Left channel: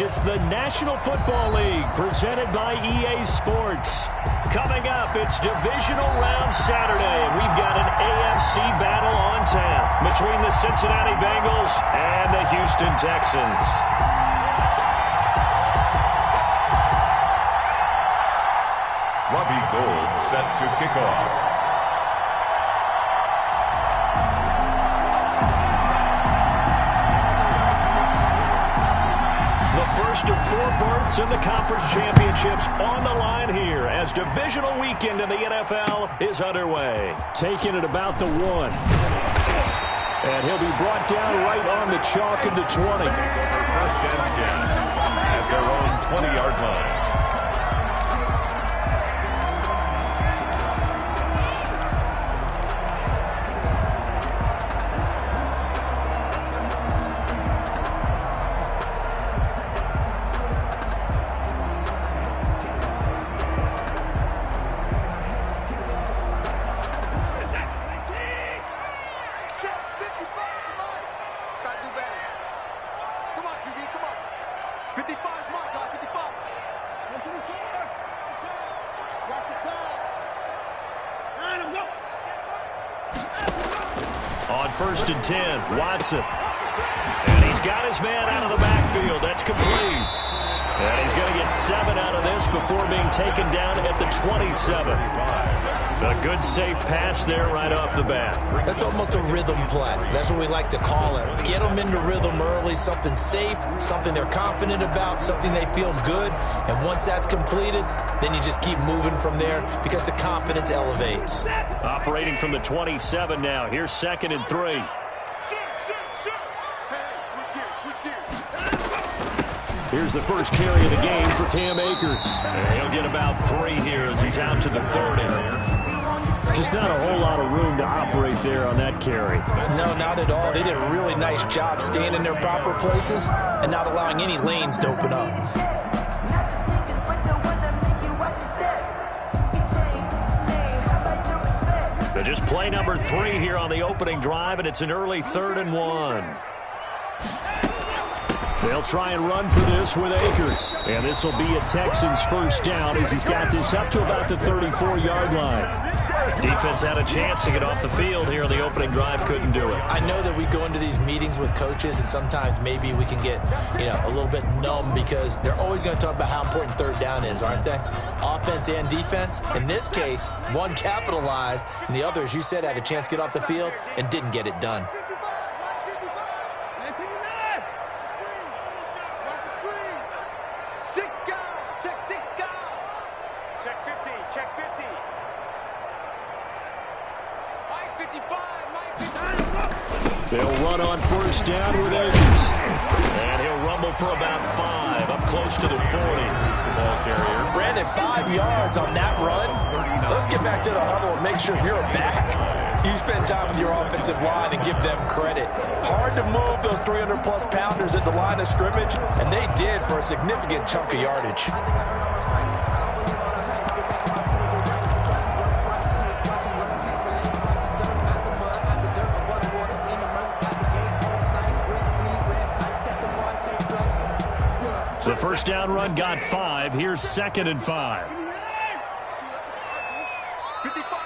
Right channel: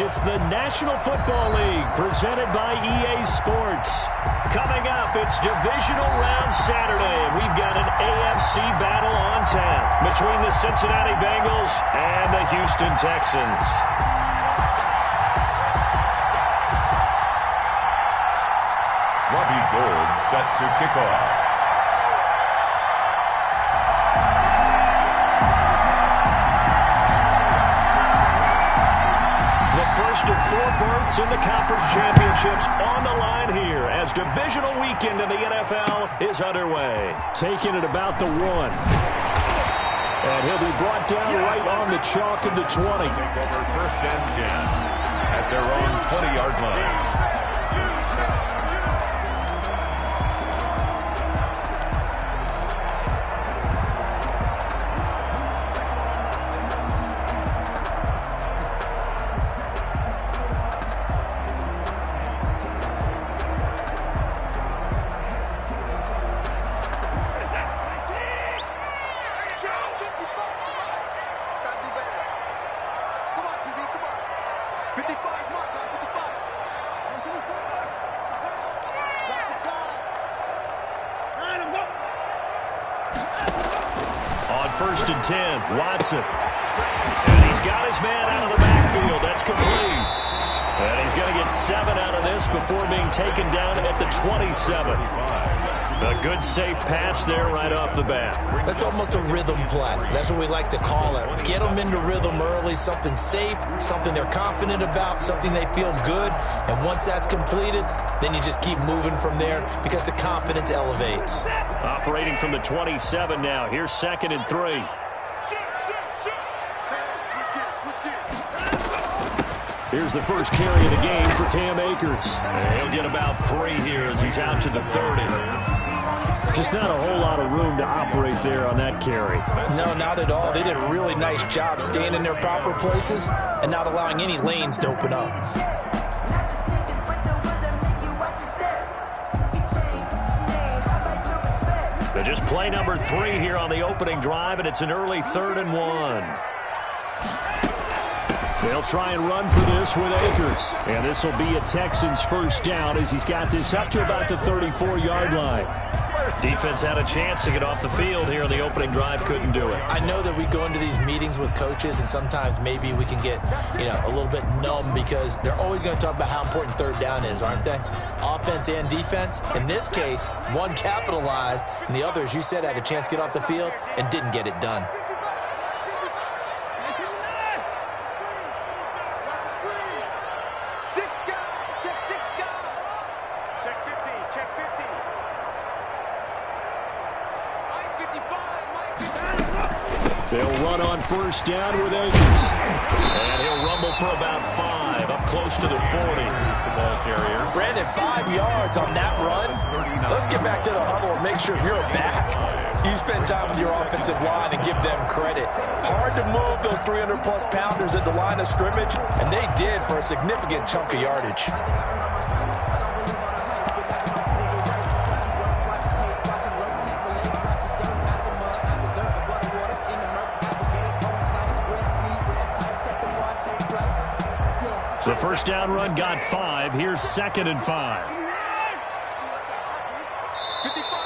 It's the National Football League presented by EA Sports. Coming up, it's Divisional Round Saturday, and we've got an AFC battle on tap between the Cincinnati Bengals and the Houston Texans. Robbie Gould set to kick off. The first of 4 berths in the conference championships on the line here as divisional weekend in the NFL is underway. Taking it about the 1. And he'll be brought down right on the chalk of the 20. Over first and 10 at their own 20-yard line. On first and 10, Watson. And he's got his man out of the backfield. That's complete. And he's going to get 7 out of this before being taken down at the 27. A good, safe pass there right off the bat. That's almost a rhythm play. That's what we like to call it. Get them into rhythm early, something safe, something they're confident about, something they feel good. And once that's completed, then you just keep moving from there because the confidence elevates. Operating from the 27 now. Here's 2nd and 3. Here's the first carry of the game for Cam Akers. And he'll get about 3 here as he's out to the 30. Just not a whole lot of room to operate there on that carry. No, not at all. They did a really nice job staying in their proper places and not allowing any lanes to open up. So just play number 3 here on the opening drive, and it's an early 3rd and 1. They'll try and run for this with Akers. And this will be a Texans first down as he's got this up to about the 34-yard line. Defense had a chance to get off the field here on the opening drive, couldn't do it. I know that we go into these meetings with coaches, and sometimes maybe we can get, a little bit numb because they're always going to talk about how important 3rd down is, aren't they? Offense and defense. In this case, one capitalized, and the other, as you said, had a chance to get off the field and didn't get it done. They'll run on first down with Akers. And he'll rumble for about 5, up close to the 40. The ball carrier. Brandon, 5 yards on that run. Let's get back to the huddle and make sure you're back. You spend time with your offensive line and give them credit. Hard to move those 300-plus pounders at the line of scrimmage, and they did for a significant chunk of yardage. The first down run got 5. Here's 2nd and 5.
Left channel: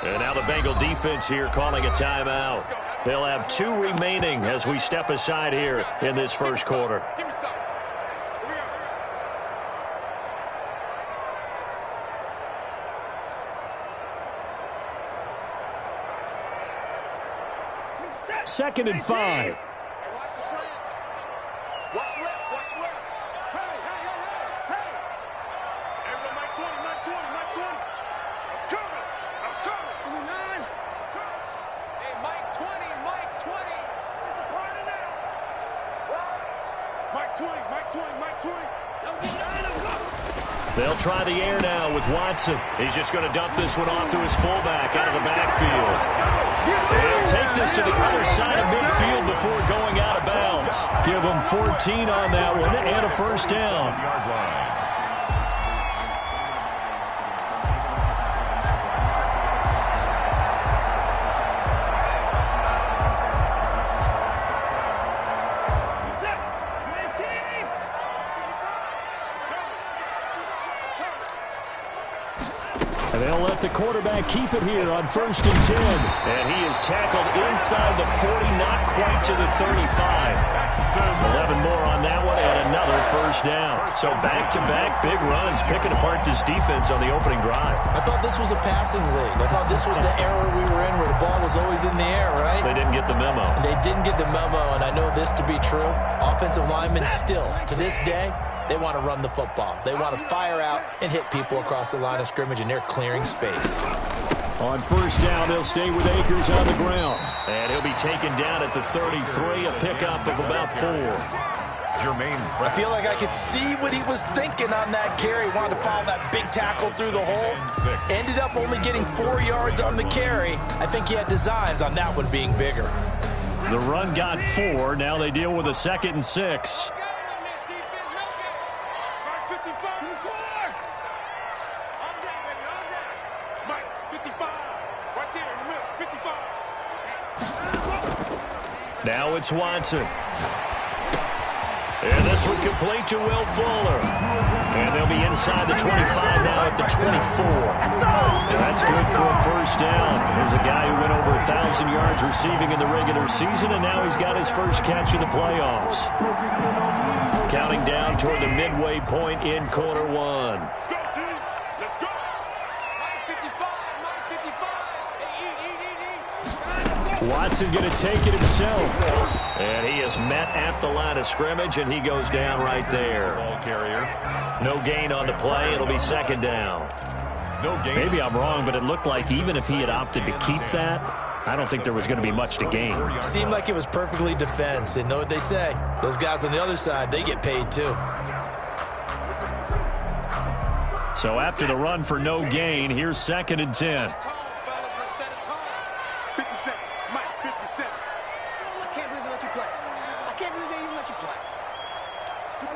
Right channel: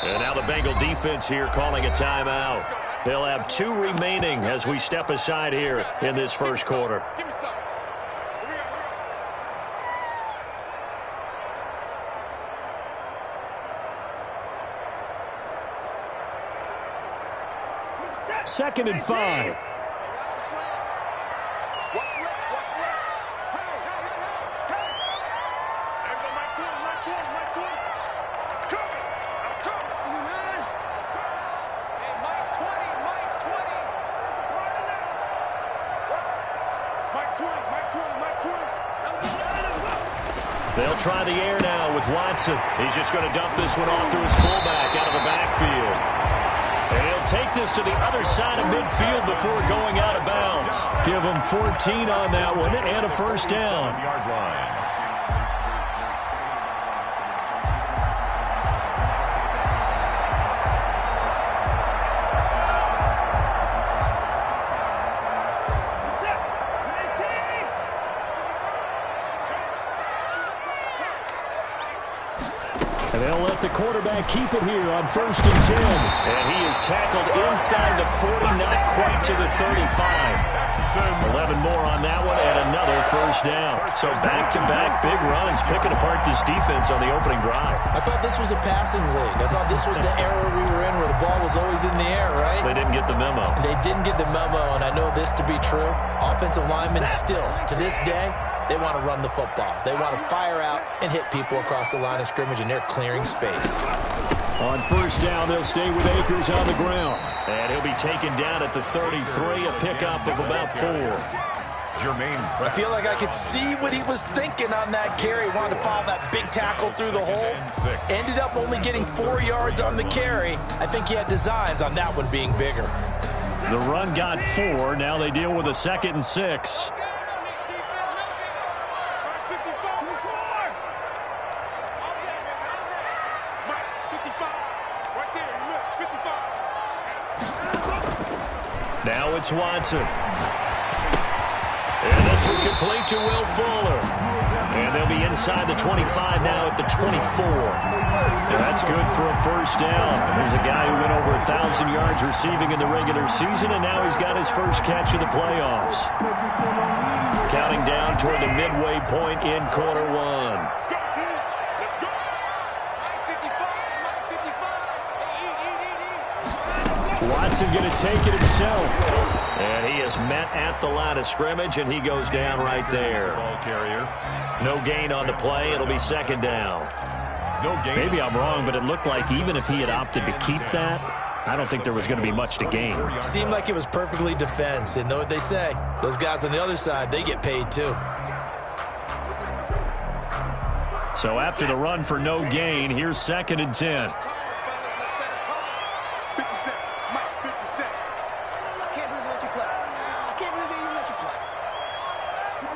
And now the Bengal defense here calling a timeout. They'll have 2 remaining as we step aside here in this first quarter. Second and 5. Watch left, watch left. Hey, hey, hey, hey, hey. There go Mike 20, Mike 20, Mike 20. I'm coming, I'm coming. 9. Hey, Mike 20, Mike 20. It's a party now. What? Mike 20, Mike 20, Mike 20. Don't get down and go. They'll try the air now with Watson. He's just going to dump this one off to his fullback out of the backfield. He'll take this to the other side of midfield before going out of bounds. Give him 14 on that one and a first down. Yard line. And they'll let the quarterback keep it here on 1st and 10. And he is tackled inside the 40, not quite to the 35. 11 more on that one and another first down. So back-to-back big runs, picking apart this defense on the opening drive. I thought this was a passing league. I thought this was the era we were in where the ball was always in the air, right? They didn't get the memo. They didn't get the memo, and I know this to be true. Offensive linemen still, to this day, they want to run the football. They want to fire out and hit people across the line of scrimmage, and they're clearing space. On first down, they'll stay with Akers on the ground. And he'll be taken down at the 33, a pickup of about 4. I feel like I could see what he was thinking on that carry. Wanted to follow that big tackle through the hole. Ended up only getting 4 yards on the carry. I think he had designs on that one being bigger. The run got 4. Now they deal with a 2nd and 6. Now it's Watson. And this one complete to Will Fuller. And they'll be inside the 25 now at the 24. And that's good for a first down. There's a guy who went over 1,000 yards receiving in the regular season, and now he's got his first catch of the playoffs. Counting down toward the midway point in quarter 1. Watson going to take it himself. And he is met at the line of scrimmage, and he goes down right there. Ball carrier. No gain on the play. It'll be 2nd down. No gain. Maybe I'm wrong, but it looked like even if he had opted to keep that, I don't think there was going to be much to gain. Seemed like it was perfectly defense. And know what they say? Those guys on the other side, they get paid too. So after the run for no gain, here's 2nd and 10. 57. Mike, 57. I can't believe they let you play. I can't believe they even let you play. 57.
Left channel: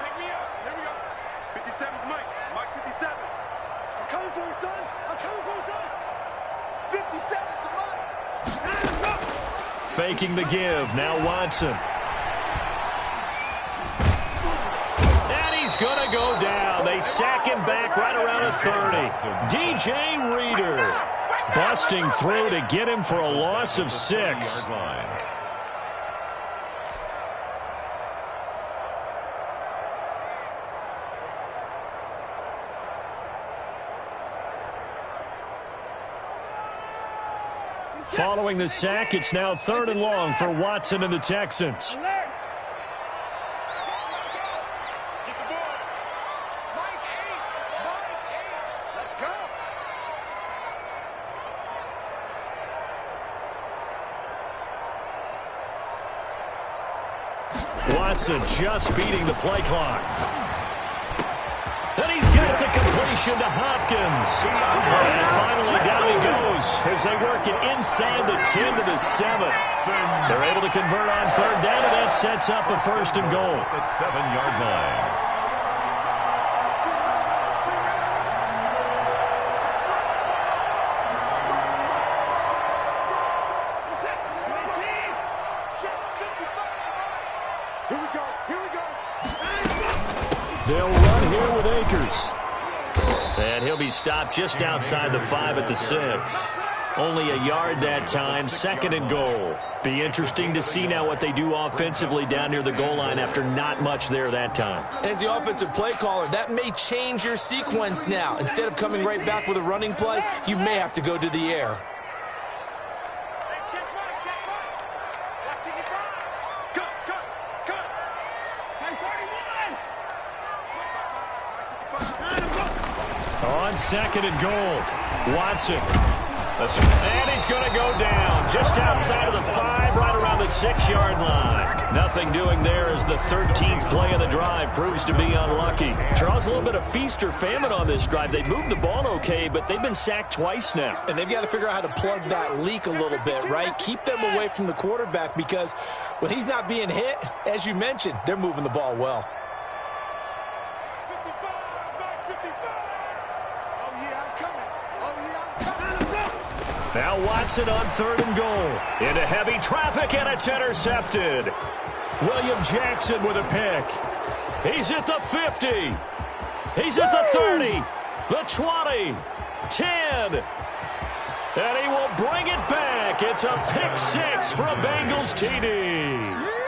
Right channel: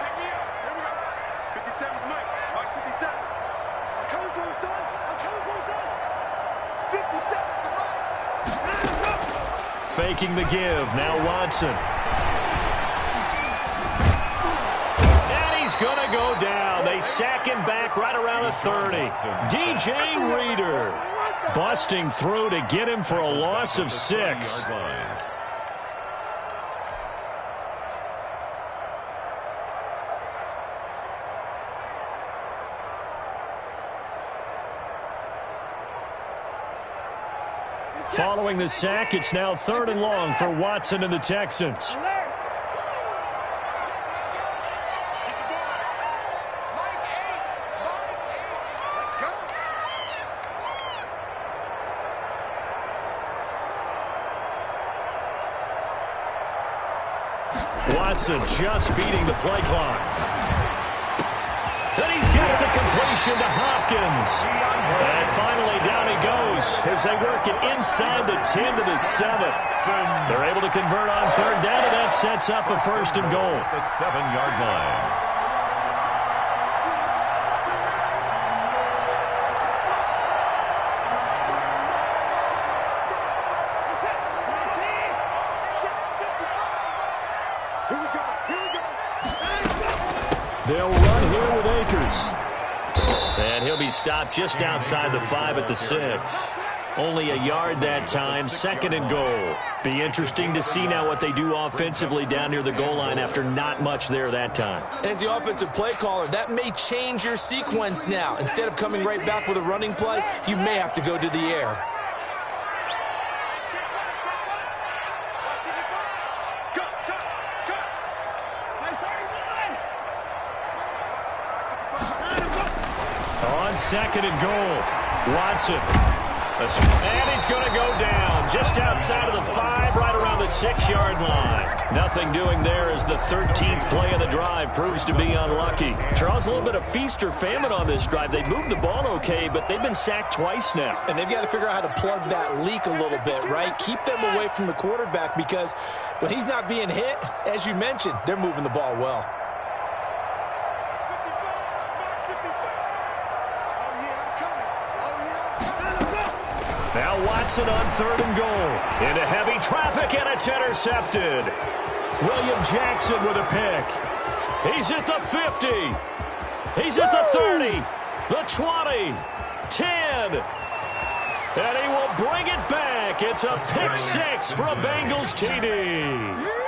Pick me up. Here we go. 57's Mike. Mike, 57. I'm coming for you, son. I'm coming for you, son. 57's the Mike. Faking the give. Now Watson. And he's going to go down. They sack him back right around the 30. DJ Reader busting through to get him for a loss of 6. Following the sack, it's now 3rd and long for Watson and the Texans. Watson just beating the play clock. And he's got the completion to Hopkins. And finally down he goes as they work it inside the 10 to the 7. They're able to convert on 3rd down, and that sets up a 1st and goal. The 7-yard line. They'll run here with Akers. And he'll be stopped just outside the 5 at the 6. Only a yard that time, 2nd and goal. Be interesting to see now what they do offensively down near the goal line after not much there that time. As the offensive play caller, that may change your sequence now. Instead of coming right back with a running play, you may have to go to the air. On 2nd and goal, Watson. And he's going to go down just outside of the 5, right around the 6-yard line. Nothing doing there as the 13th play of the drive proves to be unlucky. Charles, a little bit of feast or famine on this drive. They moved the ball okay, but they've been sacked twice now. And they've got to figure out how to plug that leak a little bit, right? Keep them away from the quarterback, because when he's not being hit, as you mentioned, they're moving the ball well. Now Watson on 3rd and goal. Into heavy traffic, and it's intercepted. William Jackson with a pick. He's at the 50. He's at the 30. the 20, 10, and he will bring it back. It's a pick six for a Bengals TD.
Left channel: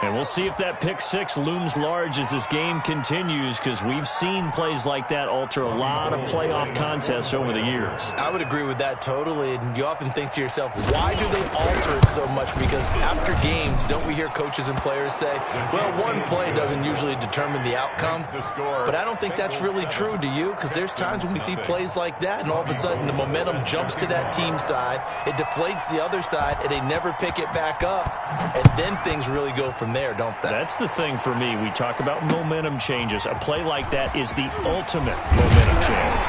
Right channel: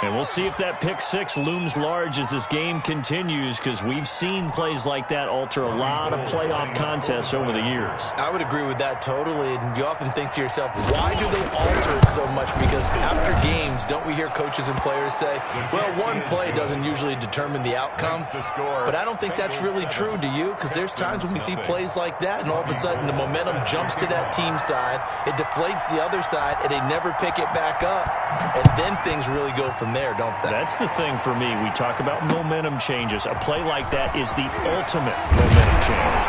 And we'll see if that pick six looms large as this game continues, because we've seen plays like that alter a lot of playoff contests over the years. I would agree with that totally, and you often think to yourself, why do they alter it so much? Because after games, don't we hear coaches and players say, well, one play doesn't usually determine the outcome, but I don't think that's really true, do you? Because there's times when we see plays like that, and all of a sudden the momentum jumps to that team side, it deflates the other side, and they never pick it back up, and then things really go from there, don't they? That's the thing for me. We talk about momentum changes. A play like that is the ultimate momentum change.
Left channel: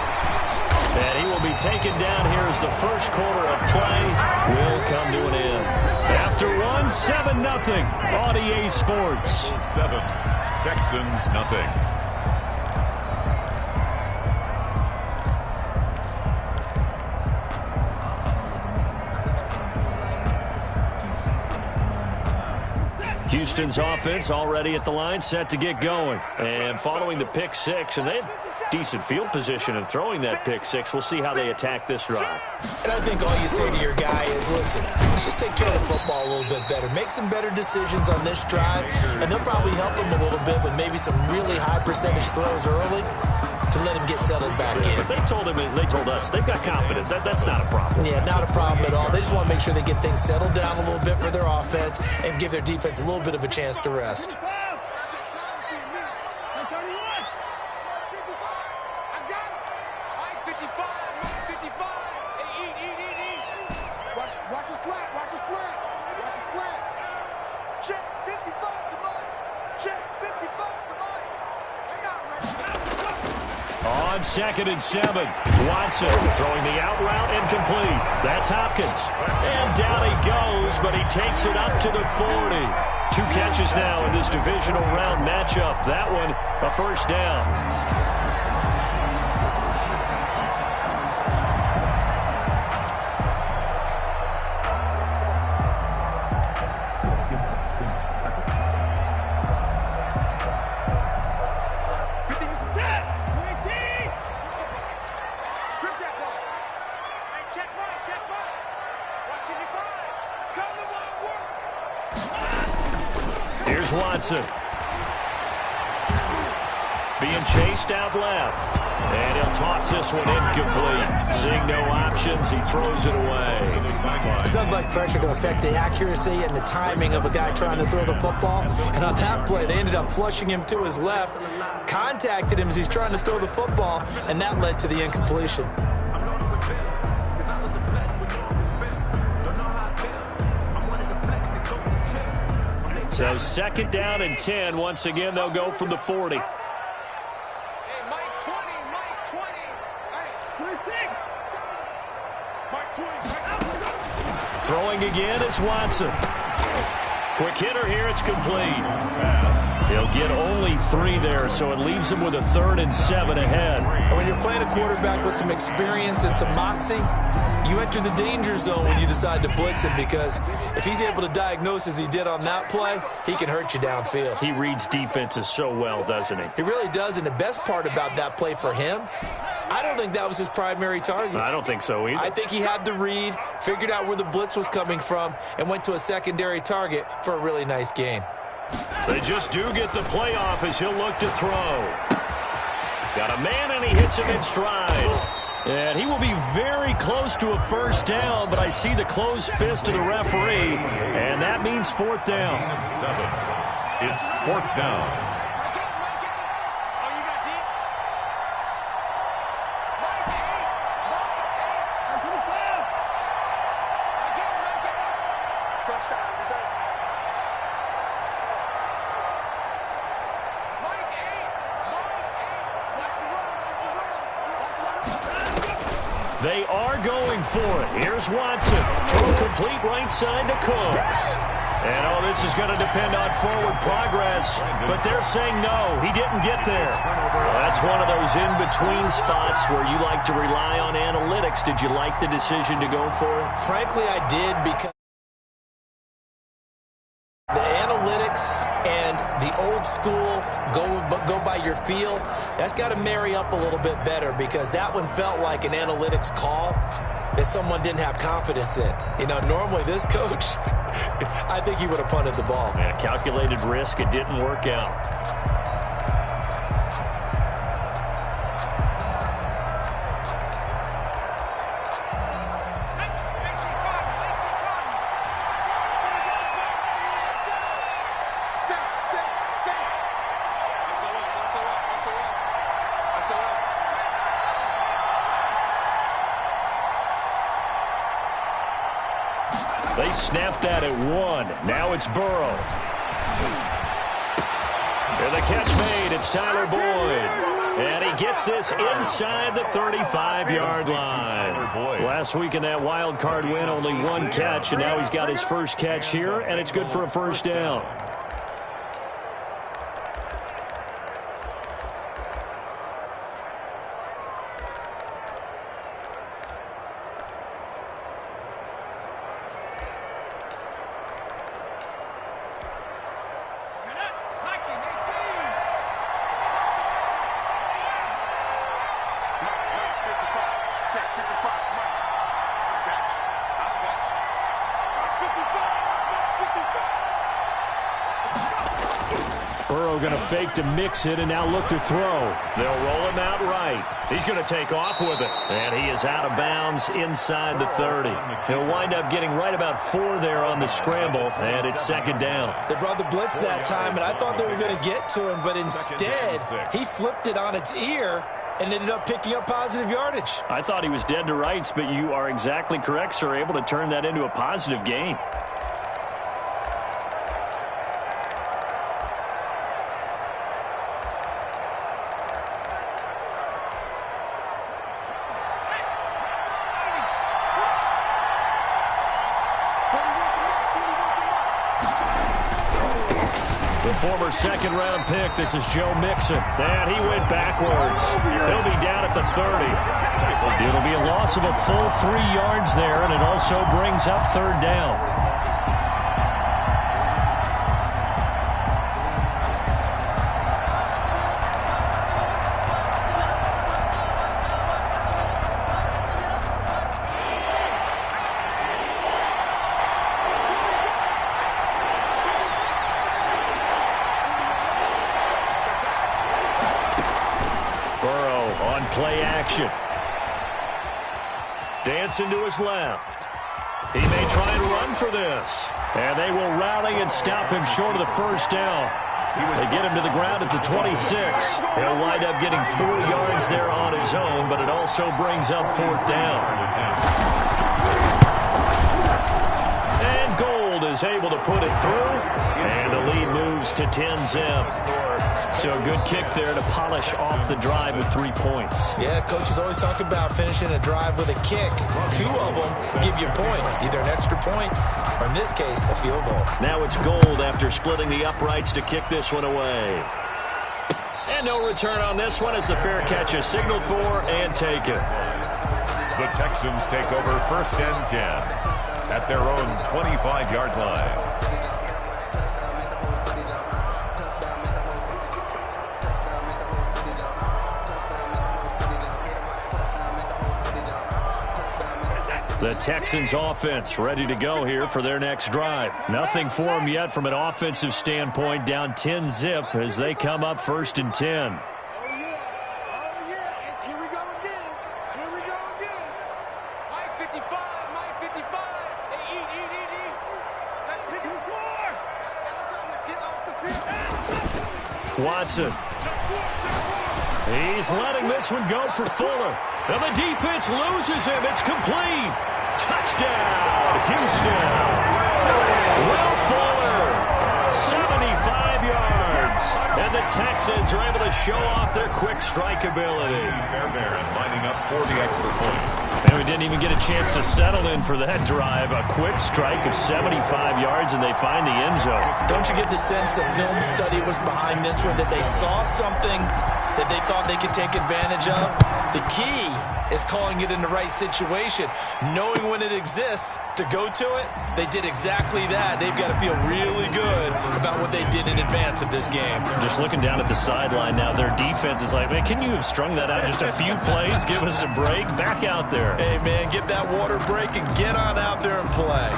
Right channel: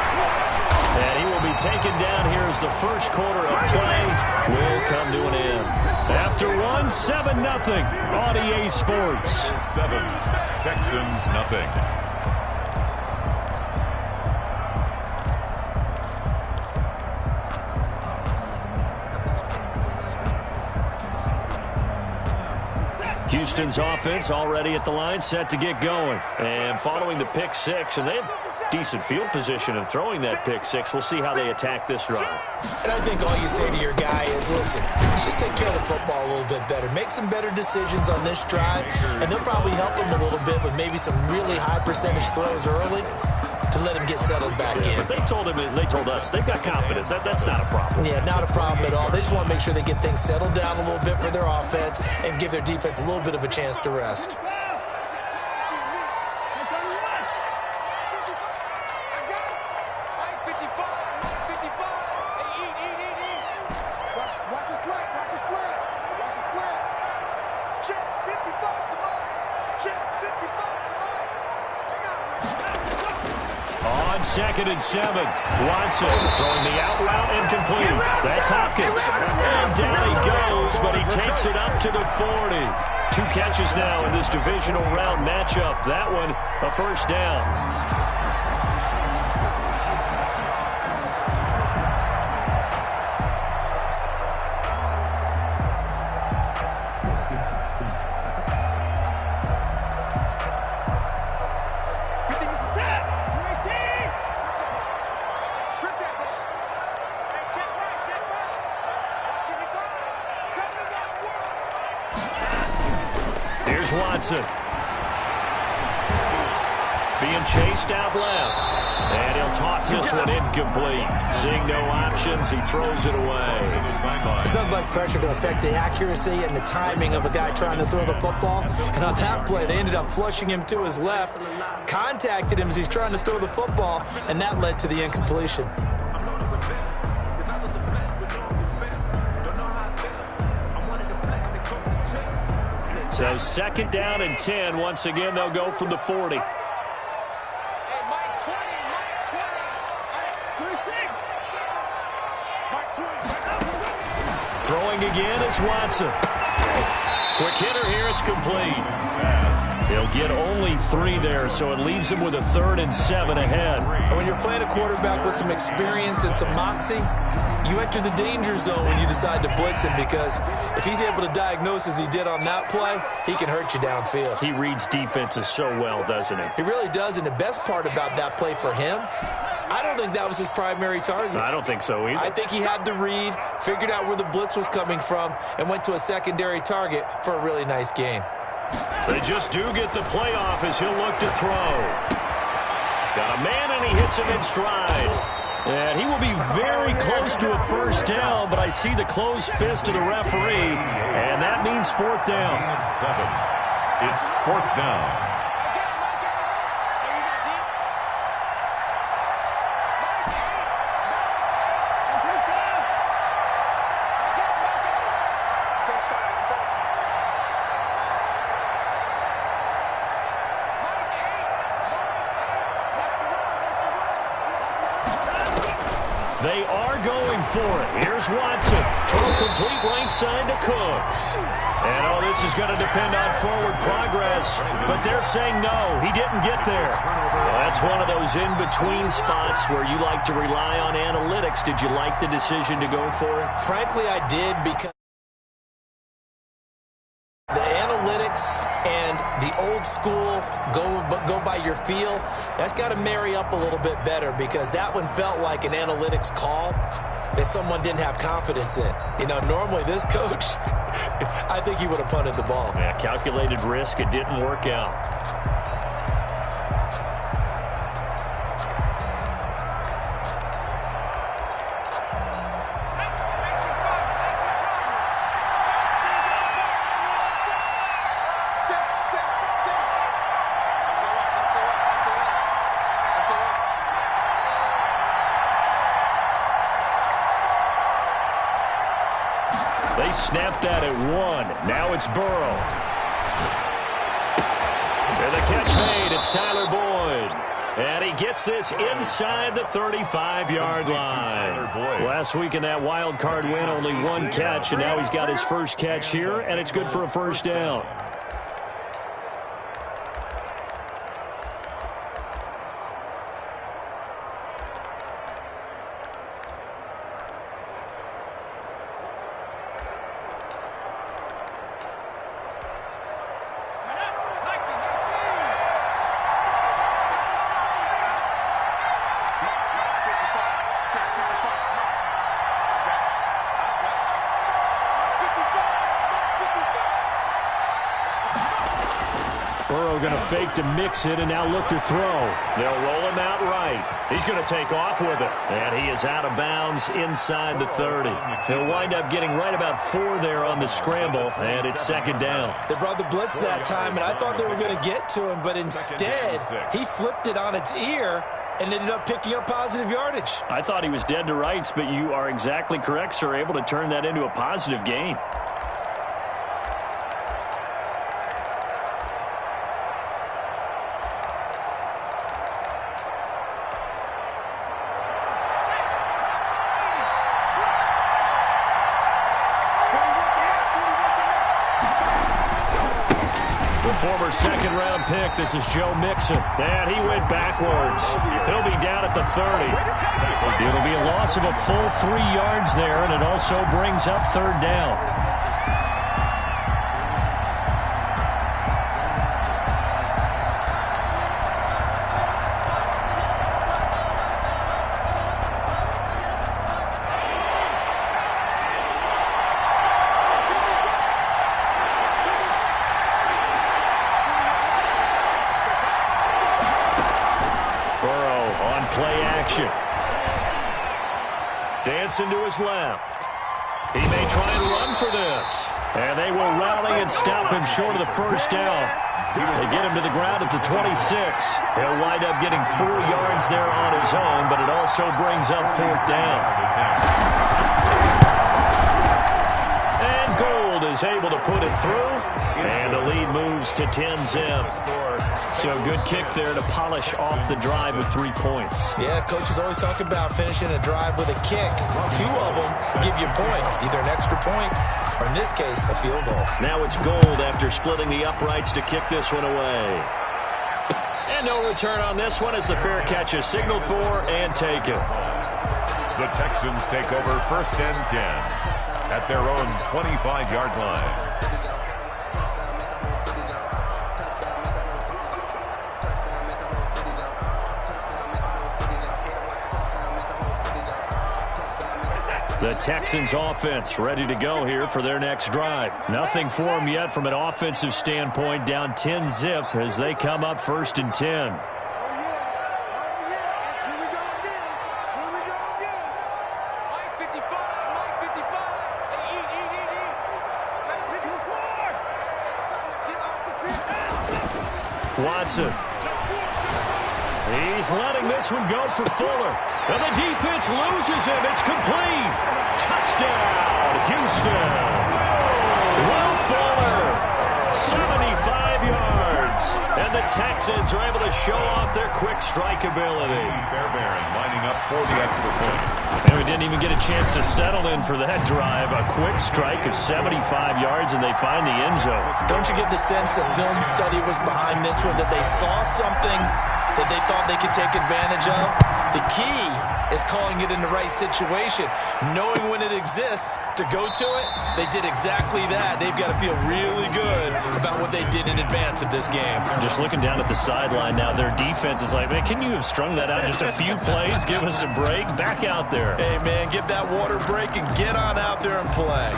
And he will be taken down here as the first quarter of play will come to an end. After one, 7-0 on EA Sports. 7, Texans nothing. Houston's offense already at the line, set to get going. And following the pick six, and they had decent field position in throwing that pick six. We'll see how they attack this drive. And I think all you say to your guy is, listen, let's just take care of the football a little bit better. Make some better decisions on this drive, and they'll probably help him a little bit with maybe some really high percentage throws early to let him get settled back in. But they told us they've got confidence. That's not a problem. Yeah, not a problem at all. They just want to make sure they get things settled down a little bit for their offense and give their defense a little bit of a chance to rest. Watch a slant. Watch a slant. Check 55 to Mike. Check 55 to Mike. On 2nd and 7, Watson throwing the out route incomplete. That's Hopkins. And down he goes, but he takes it up to the 40. 2 catches now in this divisional round matchup. That one, a first down. Here's Watson. Being chased out left. And he'll toss this one incomplete. Seeing no options, he throws it away. It's nothing like pressure to affect the accuracy and the timing of a guy trying to throw the football. And on that play, they ended up flushing him to his left, contacted him as he's trying to throw the football, and that led to the incompletion. So 2nd down and 10. Once again, they'll go from the 40. Hey, Mike 20. Hey, 26. Mike 20. Throwing again, it's Watson. Quick hitter here, it's complete. He'll get only 3 there, so it leaves him with a 3rd and 7 ahead. And when you're playing a quarterback with some experience and some moxie, you enter the danger zone when you decide to blitz him, because if he's able to diagnose as he did on that play, he can hurt you downfield. He reads defenses so well, doesn't he? He really does, and the best part about that play for him, I don't think that was his primary target. I don't think so either. I think he had the read, figured out where the blitz was coming from, and went to a secondary target for a really nice gain. They just do get the playoff as he'll look to throw. Got a man, and he hits him in stride. And he will be very close to a first down, but I see the closed fist of the referee, and that means 4th down. 7. It's 4th down. They are going for it. Here's Watson. Throw complete right side to Cooks. And, this is going to depend on forward progress. But they're saying no, he didn't get there. Well, that's one of those in-between spots where you like to rely on analytics. Did you like the decision to go for it? Frankly, I did, because the analytics and the old old school, go by your feel, that's got to marry up a little bit better, because that one felt like an analytics call that someone didn't have confidence in. You know, normally this coach, I think he would have punted the ball. Yeah, calculated risk. It didn't work out. They snapped that at 1. Now it's Burrow. And the catch made. It's Tyler Boyd. And he gets this inside the 35-yard line. Last week in that wild card win, only 1 catch, and now he's got his first catch here, and it's good for a first down. Burrow going to fake to mix it and now look to throw. They'll roll him out right. He's going to take off with it. And he is out of bounds inside the 30. He'll wind up getting right about 4 there on the scramble, and it's second down. They brought the blitz that time, and I thought they were going to get to him, but instead he flipped it on its ear and ended up picking up positive yardage. I thought he was dead to rights, but you are exactly correct, sir. Able to turn that into a positive gain. Former second-round pick, this is Joe Mixon. And he went backwards. He'll be down at the 30. It'll be a loss of a full 3 yards there, and it also brings up third down. Play action. Dancing to his left. He may try and run for this. And they will rally and stop him short of the first down. They get him to the ground at the 26. He'll wind up getting 4 yards there on his own, but it also brings up fourth down. And Gold is able to put it through. And the lead moves to 10-zip. So good kick there to polish off the drive with 3 points. Yeah, coaches always talk about finishing a drive with a kick. 2 of them give you points, either an extra point or, in this case, a field goal. Now it's Gold after splitting the uprights to kick this one away. And no return on this one as the fair catch is signaled for and taken. The Texans take over first and 10 at their own 25-yard line. The Texans offense ready to go here for their next drive. Nothing for them yet from an offensive standpoint, down 10-zip as they come up first and 10. Watson. He's letting this one go for Fuller. And the defense loses him. It's complete. Touchdown, Houston. Will Fuller, 75 yards. And the Texans are able to show off their quick strike ability. Fairbairn lining up for the extra point. And we didn't even get a chance to settle in for that drive. A quick strike of 75 yards, and they find the end zone. Don't you get the sense that film study was behind this one, that they saw something that they thought they could take advantage of? The key is calling it in the right situation, knowing when it exists to go to it. They did exactly that. They've got to feel really good about what they did in advance of this game. Just looking down at the sideline now, their defense is like, man, can you have strung that out just a few plays? Give us a break. Back out there. Hey, man, get that water break and get on out there and play.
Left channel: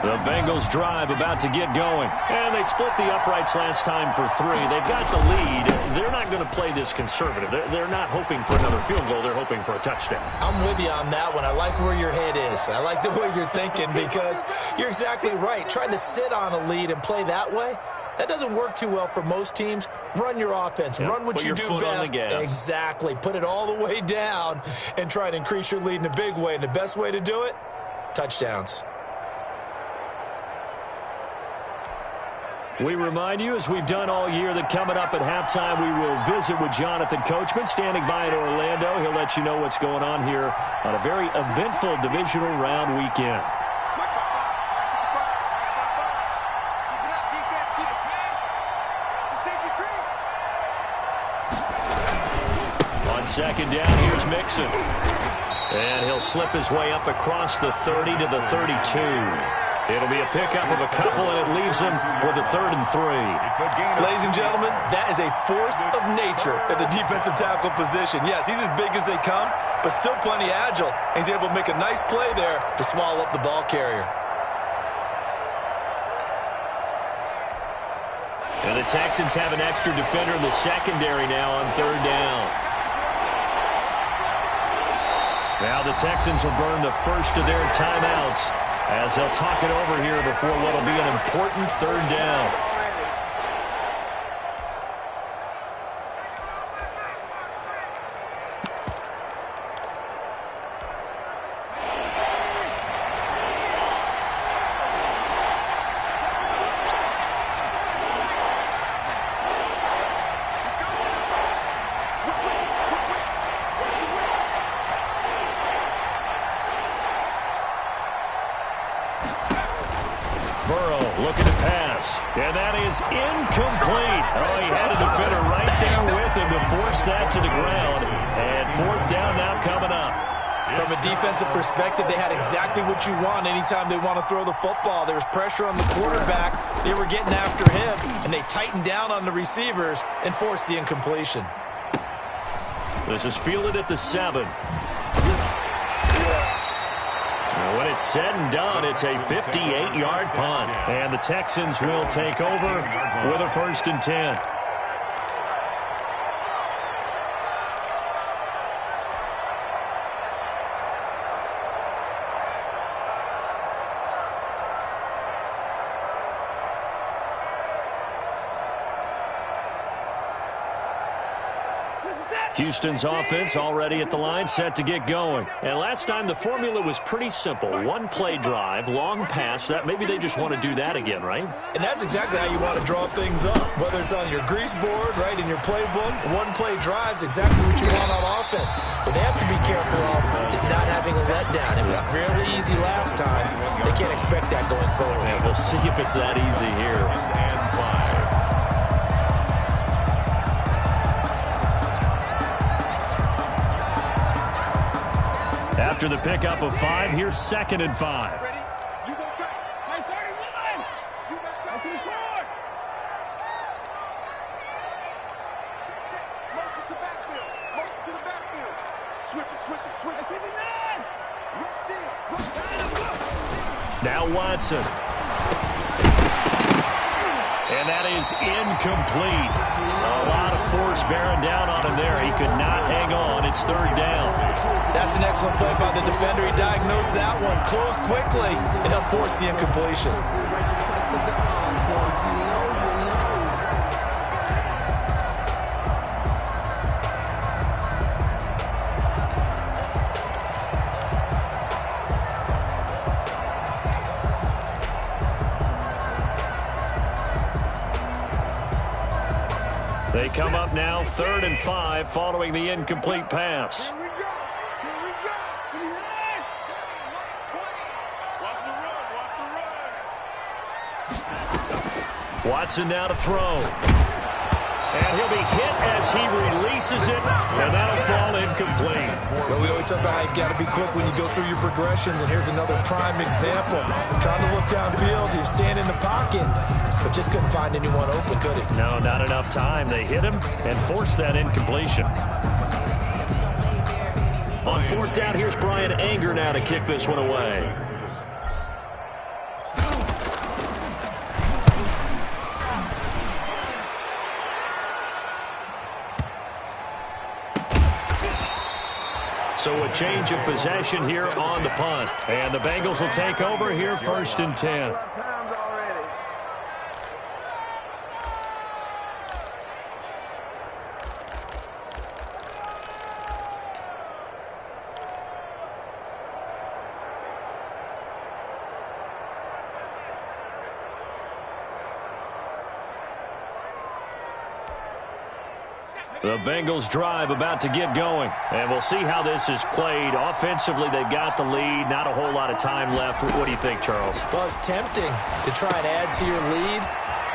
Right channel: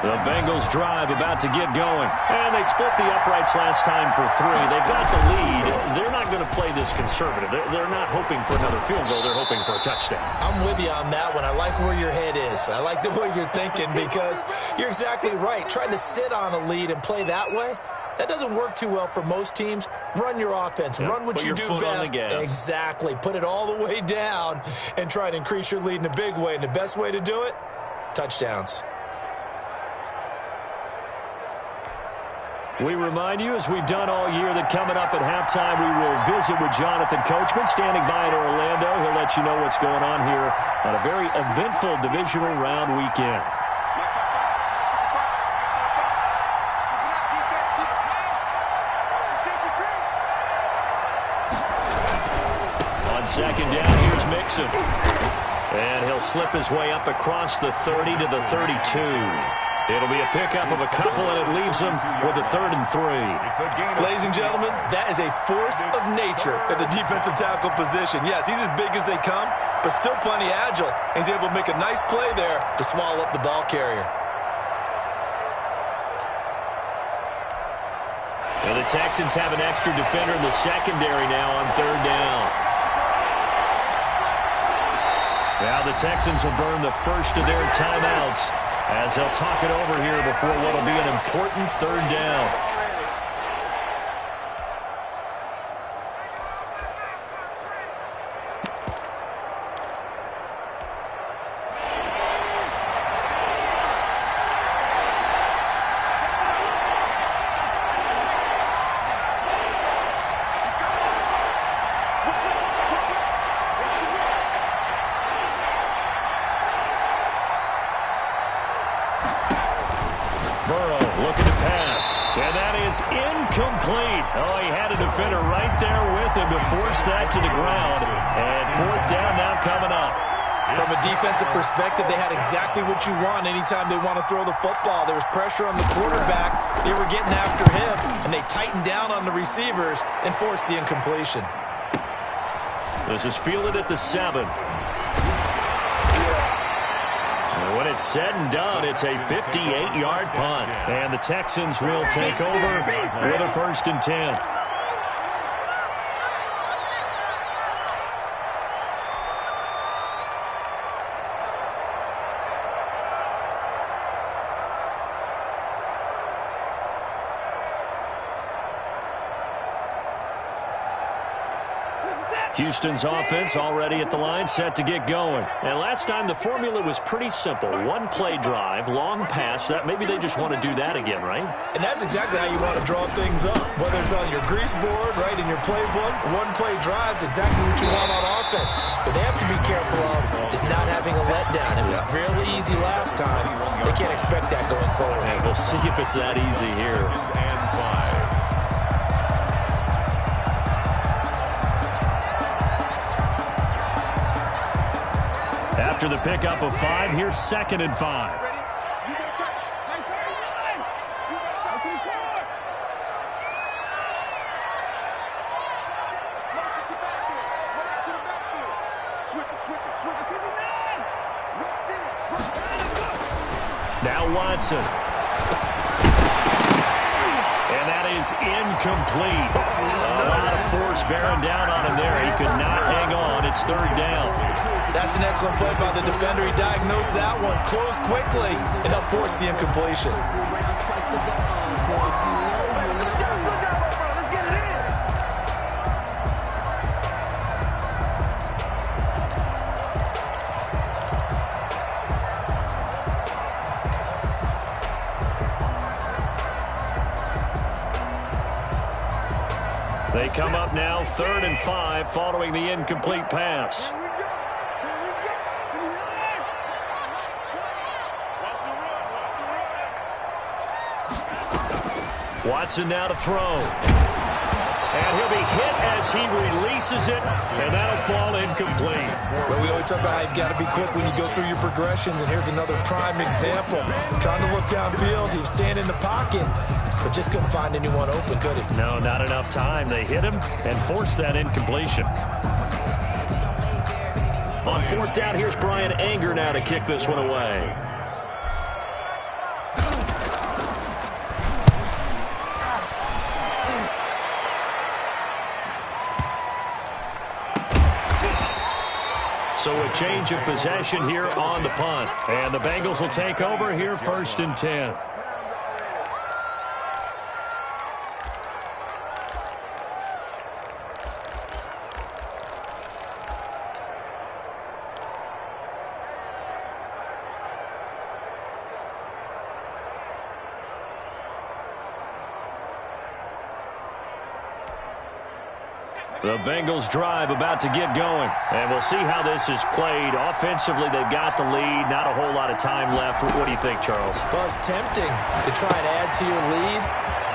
The Bengals drive about to get going. And they split the uprights last time for 3. They've got the lead. They're not going to play this conservative. They're not hoping for another field goal. They're hoping for a touchdown. I'm with you on that one. I like where your head is. I like the way you're thinking because you're exactly right. Trying to sit on a lead and play that way, that doesn't work too well for most teams. Run your offense. Yep. Run what you do best. Exactly. Put it all the way down and try to increase your lead in a big way. And the best way to do it, touchdowns. We remind you, as we've done all year, that coming up at halftime, we will visit with Jonathan Coachman, standing by in Orlando. He'll let you know what's going on here on a very eventful divisional round weekend. On second down, here's Mixon. And he'll slip his way up across the 30 to the 32. It'll be a pickup of a couple, and it leaves him with a 3rd and 3. Ladies and gentlemen, that is a force of nature at the defensive tackle position. Yes, he's as big as they come, but still plenty agile. He's able to make a nice play there to swallow up the ball carrier. And the Texans have an extra defender in the secondary now on 3rd down. Now the Texans will burn the first of their timeouts as they'll talk it over here before what will be an important 3rd down. Incomplete. Oh, he had a defender right there with him to force that to the ground. And 4th down now coming up. From a defensive perspective, they had exactly what you want anytime they want to throw the football. There was pressure on the quarterback. They were getting after him, and they tightened down on the receivers and forced the incompletion. This is fielded at the 7. When it's said and done, it's a 58-yard punt. And the Texans will take over with a 1st and 10. Houston's offense already at the line, set to get going. And last time the formula was pretty simple. 1-play drive, long pass. That maybe they just want to do that again, right? And that's exactly how you want to draw things up. Whether it's on your grease board, right, in your playbook, 1-play drive's exactly what you want on offense. What they have to be careful of is not having a letdown. It was fairly easy last time. They can't expect that going forward. And we'll see if it's that easy here. And 5. After the pickup of 5, here's 2nd and 5. Ready? You go touch. Hey, 31! You got touch. Motion to backfield. Motion to the backfield. Switch it. 59! Rush in. Rush down. Now Watson. And that is incomplete. A lot of force bearing down on him there. He could not hang on. It's 3rd down. That's an excellent play by the defender. He diagnosed that one, closed quickly, and helped force the incompletion. They come up now 3rd and 5 following the incomplete pass. Here we go. 59! Watch the run. Watson now to throw. And he'll be hit as he releases it, and that'll fall incomplete. Well, we always talk about how you've got to be quick when you go through your progressions, and here's another prime example. Trying to look downfield, he was standing in the pocket, but just couldn't find anyone open, could he? No, not enough time. They hit him and forced that incompletion. On fourth down, here's Brian Anger now to kick this one away. So a change of possession here on the punt. And the Bengals will take over here, 1st and 10. The Bengals drive about to get going. And we'll see how this is played. Offensively, they've got the lead. Not a whole lot of time left. What do you think, Charles? Well, it's tempting to try and add to your lead,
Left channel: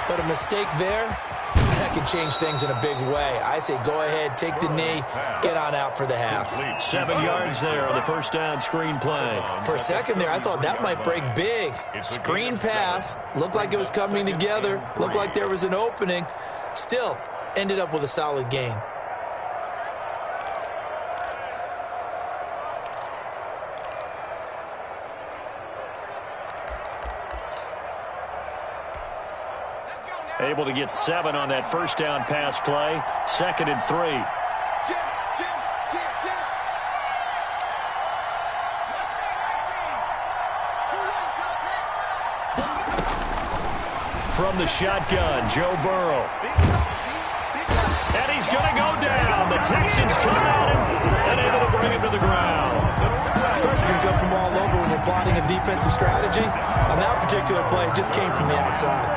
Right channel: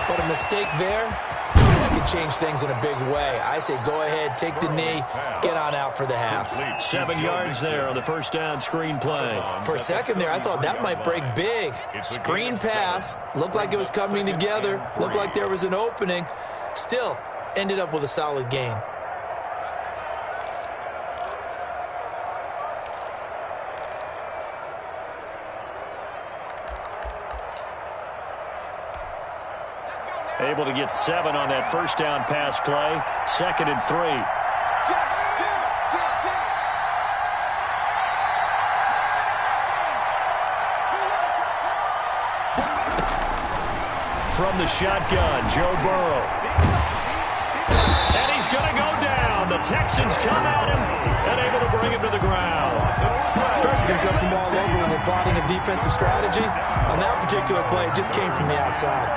but a mistake there, that could change things in a big way. I say go ahead, take the knee, get on out for the half. 7 yards there on the first down screen play. For a second there, I thought that might break big. Screen pass, looked like it was coming together, looked like there was an opening. Still, ended up with a solid gain. Able to get 7 on that first down pass play. 2nd and 3. From the shotgun, Joe Burrow. And he's going to go down. The Texans come at him and able to bring him to the ground. Pressure can come from all over when you're plotting a defensive strategy. On that particular play, it just came from the outside.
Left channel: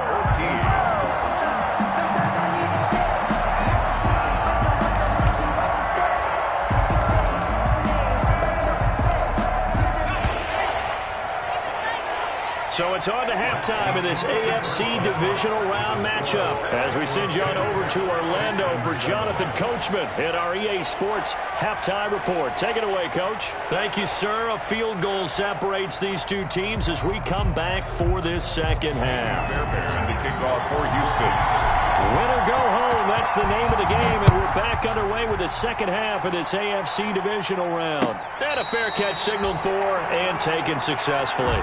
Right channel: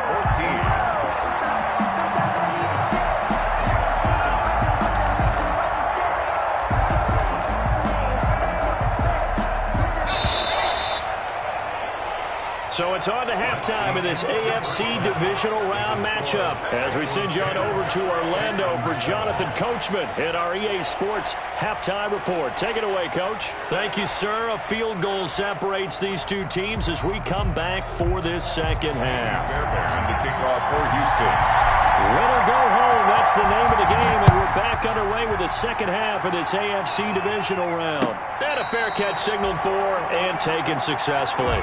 So it's on to halftime in this AFC divisional round matchup as we send you on over to Orlando for Jonathan Coachman in our EA Sports halftime report. Take it away, Coach. Thank you, sir. A field goal separates these two teams as we come back for this second half. And to kick off for Houston. Win or go home, that's the name of the game, and we're back underway with the second half of this AFC divisional round. And a fair catch signaled for and taken successfully.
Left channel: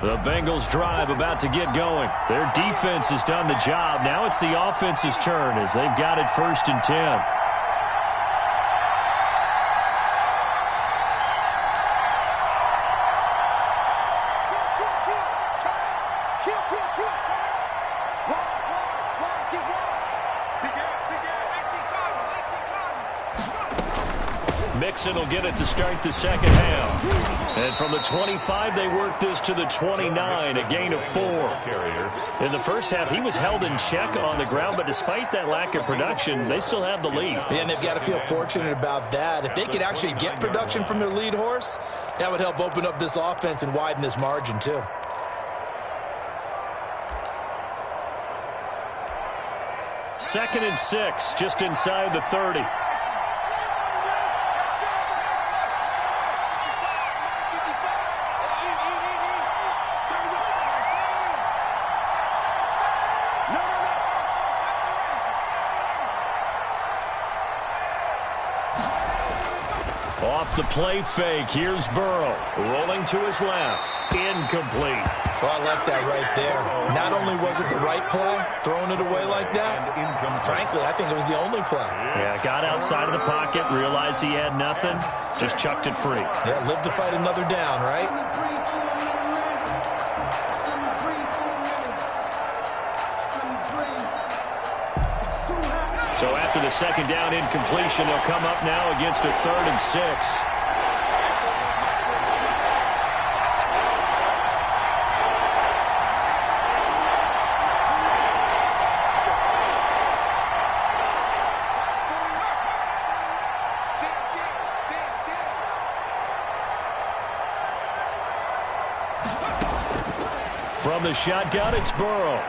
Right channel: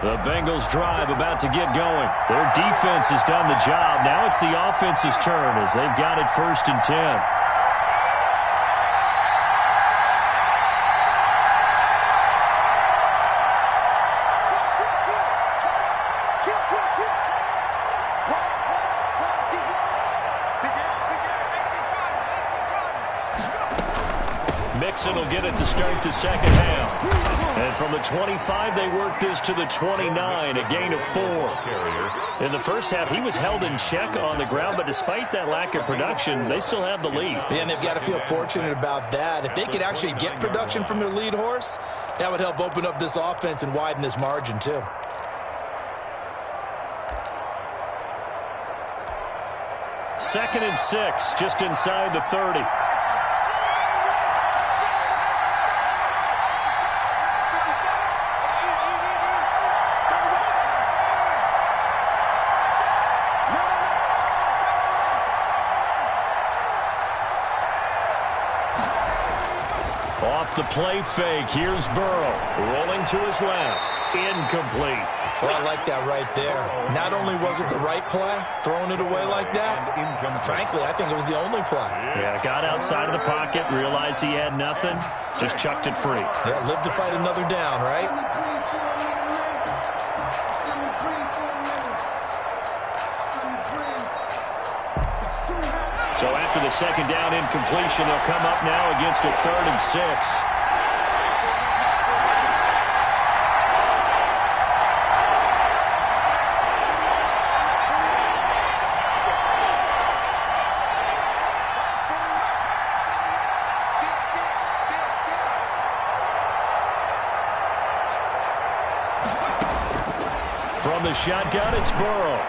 The Bengals drive about to get going. Their defense has done the job. Now it's the offense's turn as they've got it 1st and 10. Mixon will get it to start the second half. And from the 25, they work this to the 29, a gain of 4. In the first half, he was held in check on the ground, but despite that lack of production, they still have the lead. Yeah, and they've got to feel fortunate about that. If they could actually get production from their lead horse, that would help open up this offense and widen this margin, too. Second and 6, just inside the 30. Off the play fake, here's Burrow. Rolling to his left. Incomplete. Well, I like that right there. Not only was it the right play, throwing it away like that, frankly, I think it was the only play. Yeah, got outside of the pocket, realized he had nothing, just chucked it free. Yeah, live to fight another down, right? So after the second down incompletion, they'll come up now against a 3rd and 6. From the shotgun, it's Burrow.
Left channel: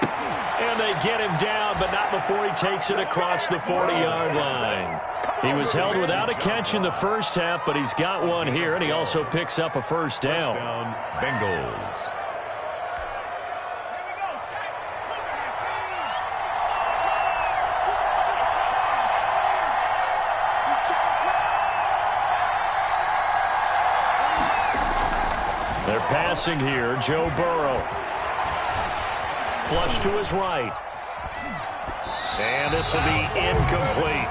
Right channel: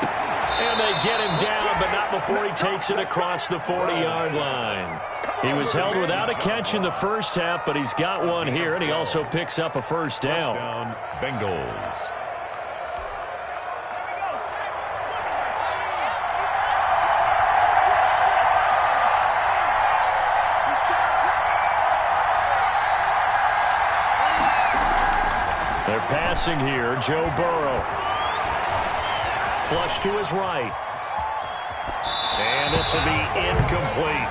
And they get him down, but not before he takes it across the 40-yard line. He was held without a catch in the first half, but he's got one here, and he also picks up a first down. First down, Bengals. They're passing here. Joe Burrow. Flush to his right. And this will be incomplete.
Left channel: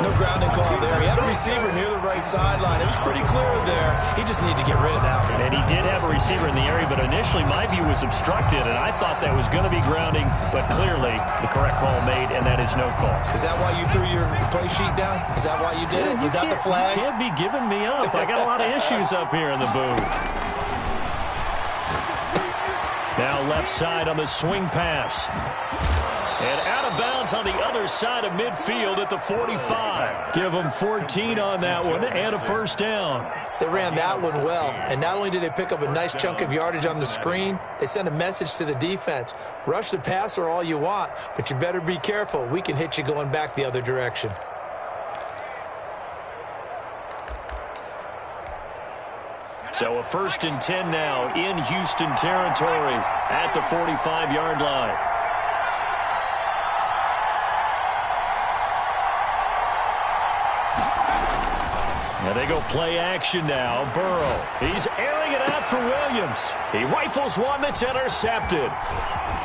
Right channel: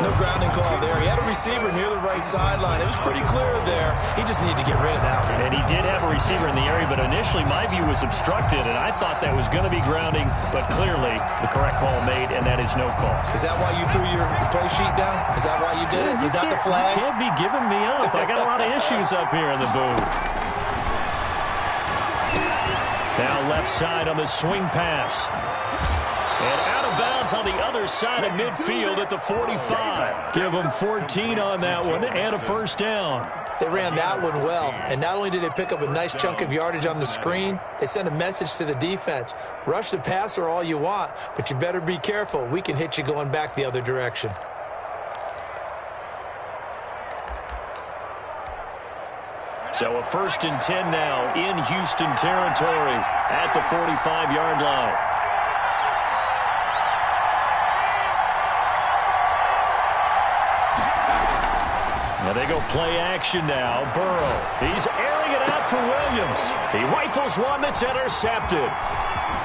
No grounding call there. He had a receiver near the right sideline. It was pretty clear there. He just needed to get rid of that one. And he did have a receiver in the area, but initially my view was obstructed, and I thought that was going to be grounding, but clearly the correct call made, and that is no call. Is that why you threw your play sheet down? Is that why you did it? Was that the flag? You can't be giving me up. I got a lot of issues up here in the booth. Now left side on the swing pass. And out of bounds on the other side of midfield at the 45. Give them 14 on that one and a first down. They ran that one well, and not only did they pick up a nice chunk of yardage on the screen, they sent a message to the defense. Rush the passer all you want, but you better be careful. We can hit you going back the other direction. So a 1st and 10 now in Houston territory at the 45-yard line. Now they go play action now. Burrow. He's airing it out for Williams. He rifles one that's intercepted.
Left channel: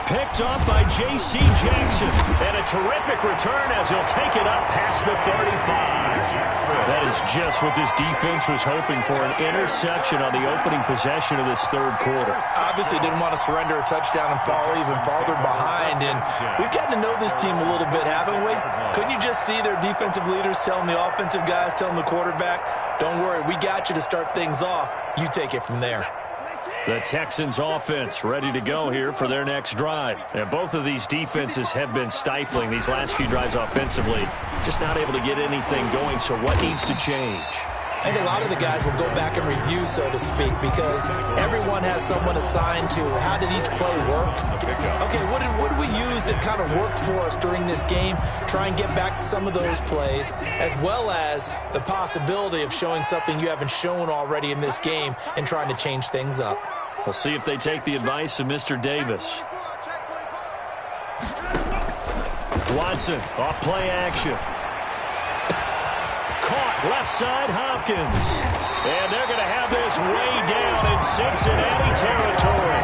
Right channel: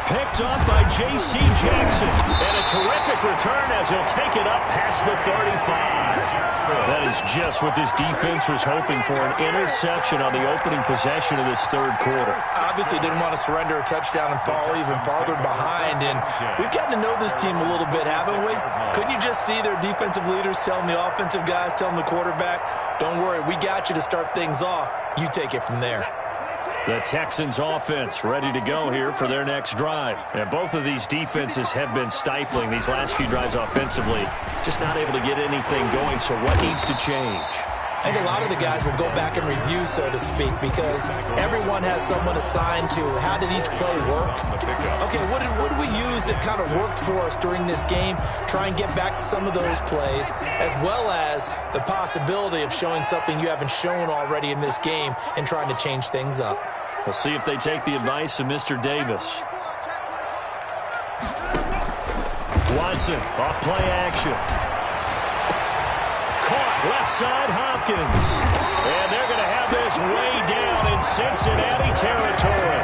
Picked off by J.C. Jackson. And a terrific return as he'll take it up past the 35. That is just what this defense was hoping for, an interception on the opening possession of this third quarter. Obviously didn't want to surrender a touchdown and fall even farther behind. And we've gotten to know this team a little bit, haven't we? Couldn't you just see their defensive leaders telling the offensive guys, telling the quarterback, don't worry, we got you to start things off. You take it from there. The Texans offense ready to go here for their next drive. And both of these defenses have been stifling these last few drives offensively. Just not able to get anything going, so what needs to change? I think a lot of the guys will go back and review, so to speak, because everyone has someone assigned to how did each play work. Okay, what did we use that kind of worked for us during this game? Try and get back to some of those plays, as well as the possibility of showing something you haven't shown already in this game and trying to change things up. We'll see if they take the advice of Mr. Davis. Watson, off play action. Caught left side, Hopkins. And they're going to have this way down in Cincinnati territory.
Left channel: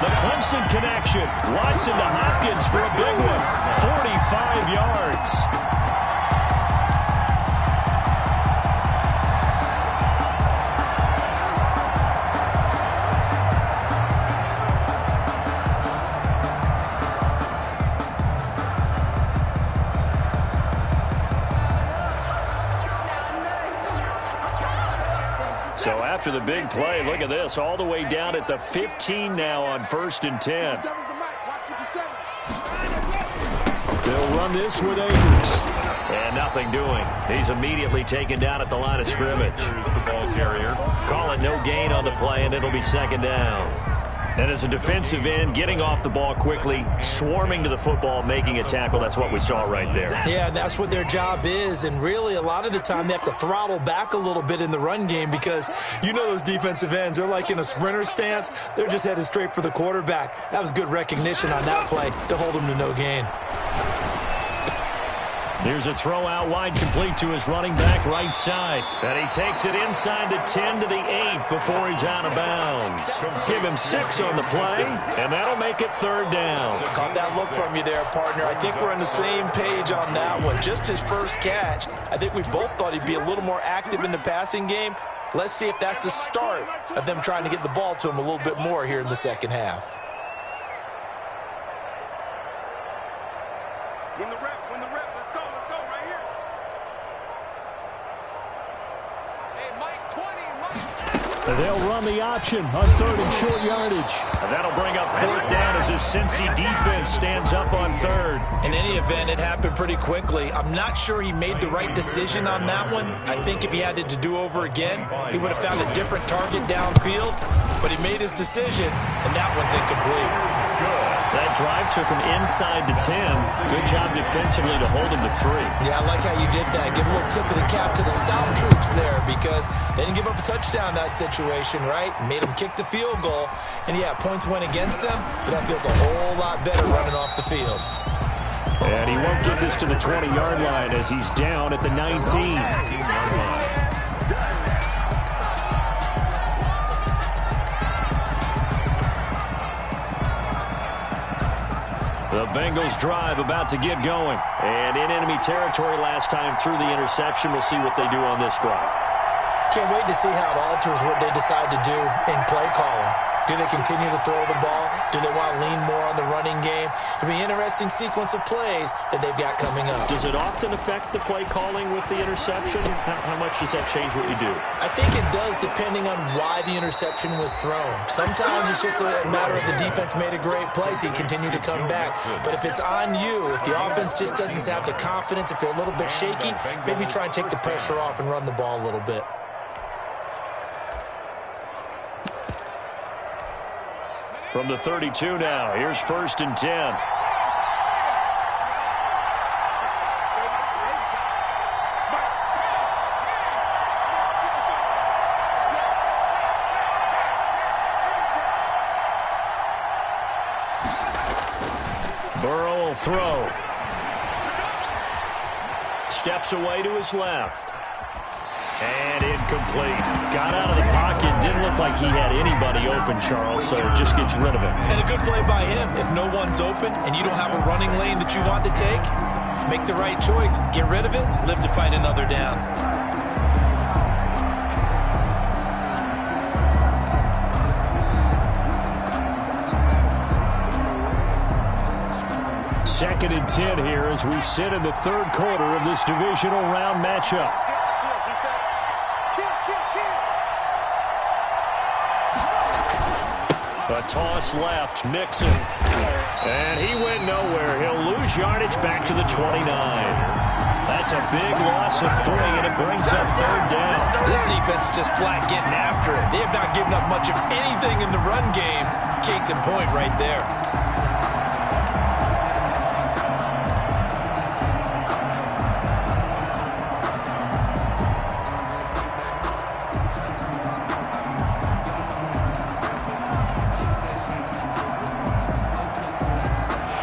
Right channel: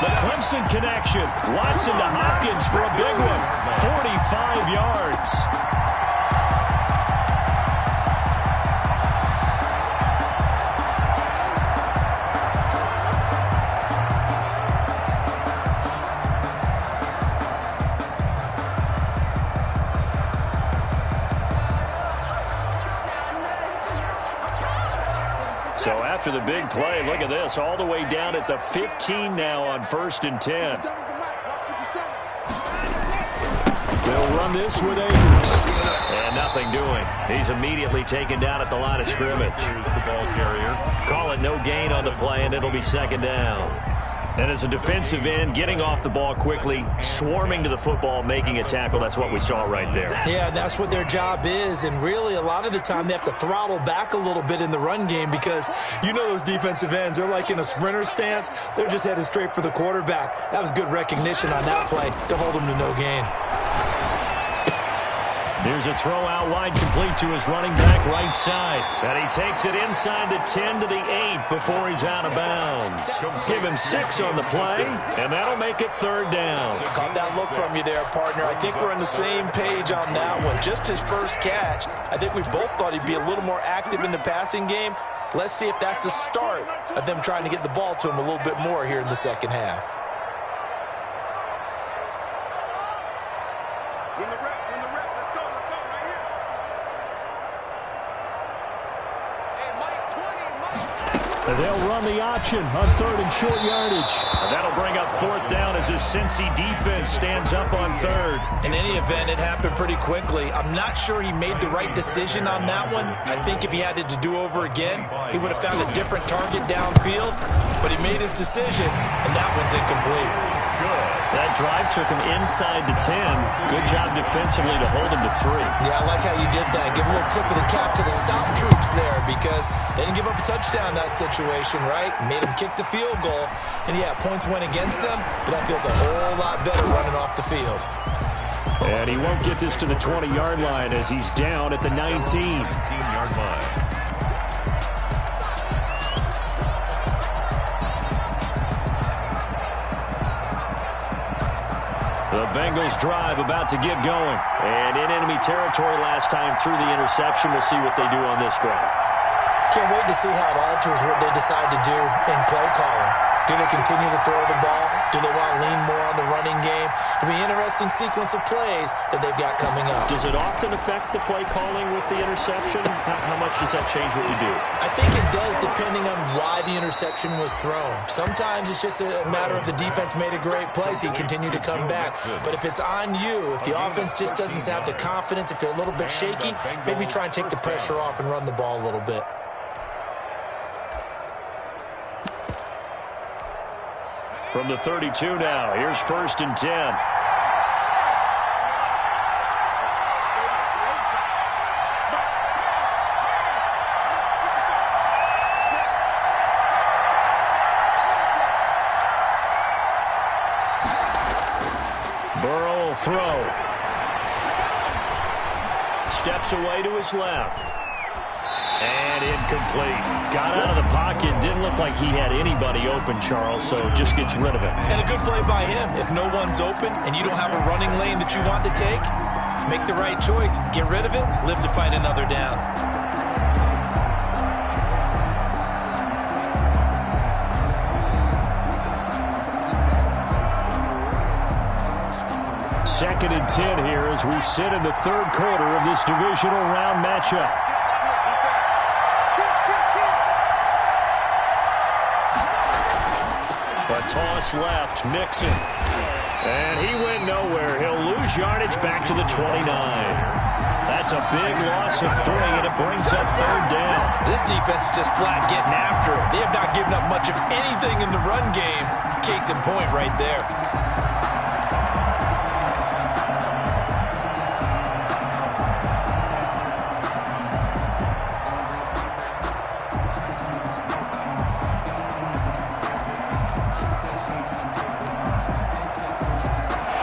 The Clemson connection. Watson to Hopkins for a big one. 45 yards. So after the big play, look at this, all the way down at the 15 now on 1st and 10. They'll run this with Akers. And nothing doing. He's immediately taken down at the line of scrimmage. The ball carrier. Call it no gain on the play, and it'll be 2nd down. And as a defensive end, getting off the ball quickly, swarming to the football, making a tackle, that's what we saw right there. Yeah, that's what their job is, and really a lot of the time they have to throttle back a little bit in the run game because you know those defensive ends, they're like in a sprinter stance. They're just headed straight for the quarterback. That was good recognition on that play to hold him to no gain. Here's a throw out wide, complete to his running back right side. And he takes it inside the 10 to the 8 before he's out of bounds. Give him 6 on the play, and that'll make it 3rd down. Caught that look from you there, partner. I think we're on the same page on that one. Just his first catch. I think we both thought he'd be a little more active in the passing game. Let's see if that's the start of them trying to get the ball to him a little bit more here in the second half. Win the rep, let's go right here. Hey, Mike 20, Mike. They'll run the option on 3rd and short yardage. And that'll bring up 4th down as his Cincy defense stands up on 3rd. In any event, it happened pretty quickly. I'm not sure he made the right decision on that one. I think if he had it to do over again, he would have found a different target downfield. But he made his decision, and that one's incomplete. Good. That drive took him inside the 10. Good job defensively to hold him to 3. Yeah, I like how you did that. Give a little tip of the cap to the stop troops there because they didn't give up a touchdown in that situation, right? Made them kick the field goal. And, yeah, points went against them, but that feels a whole lot better running off the field. And he won't get this to the 20-yard line as he's down at the 19. 19-yard line. The Bengals drive about to get going. And in enemy territory last time through the interception. We'll see what they do on this drive. Can't wait to see how it alters what they decide to do in play calling. Do they continue to throw the ball? Do they want to lean more on the running game? It'll be an interesting sequence of plays that they've got coming up. Does it often affect the play calling with the interception? How much does that change what you do? I think it does depending on why the interception was thrown. Sometimes it's just a matter of the defense made a great play, so you continue to come back. But if it's on you, if the offense just doesn't have the confidence, if they're a little bit shaky, maybe try and take the pressure off and run the ball a little bit. From the 32 now, here's 1st and 10. Burrow will throw. Steps away to his left. And incomplete. Got out of the pocket. Didn't look like he had anybody open, Charles, so just gets rid of it. And a good play by him. If no one's open and you don't have a running lane that you want to take, make the right choice. Get rid of it. Live to fight another down. Second and 10 here as we sit in the 3rd quarter of this divisional round matchup. A toss left, Mixon. And he went nowhere. He'll lose yardage back to the 29. That's a big loss of 3, and it brings up 3rd down. This defense is just flat getting after it. They have not given up much of anything in the run game. Case in point right there.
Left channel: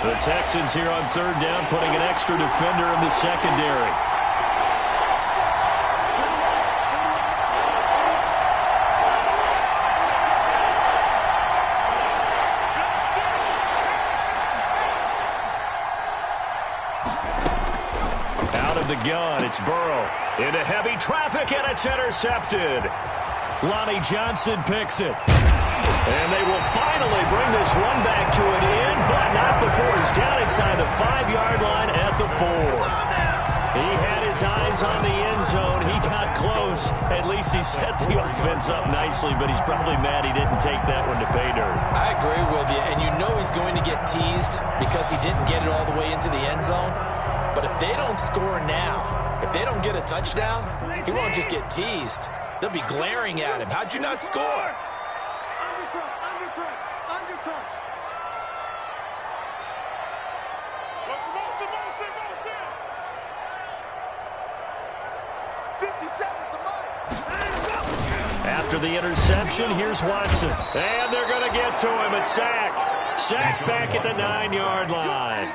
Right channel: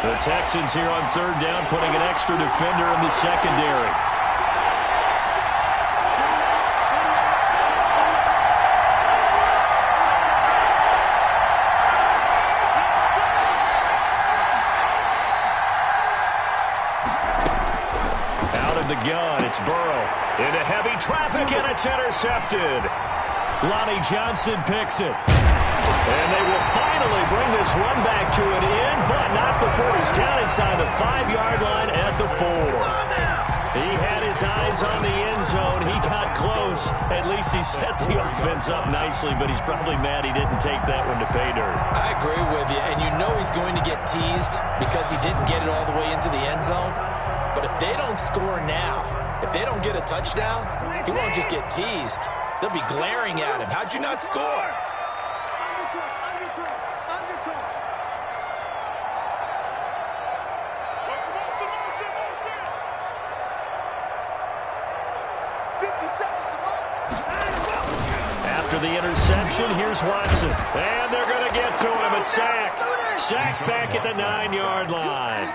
The Texans here on 3rd down, putting an extra defender in the secondary. Out of the gun, it's Burrow. Into heavy traffic, and it's intercepted. Lonnie Johnson picks it. And they will finally bring this run back to an end, but not before he's down inside the 5-yard line at the 4. He had his eyes on the end zone. He got close. At least he set the offense up nicely, but he's probably mad he didn't take that one to pay dirt. I agree with you, and you know he's going to get teased because he didn't get it all the way into the end zone. But if they don't score now, if they don't get a touchdown, he won't just get teased. They'll be glaring at him. How'd you not score? After the interception, here's Watson. And they're going to get to him. A sack. Sack back at the 9-yard line.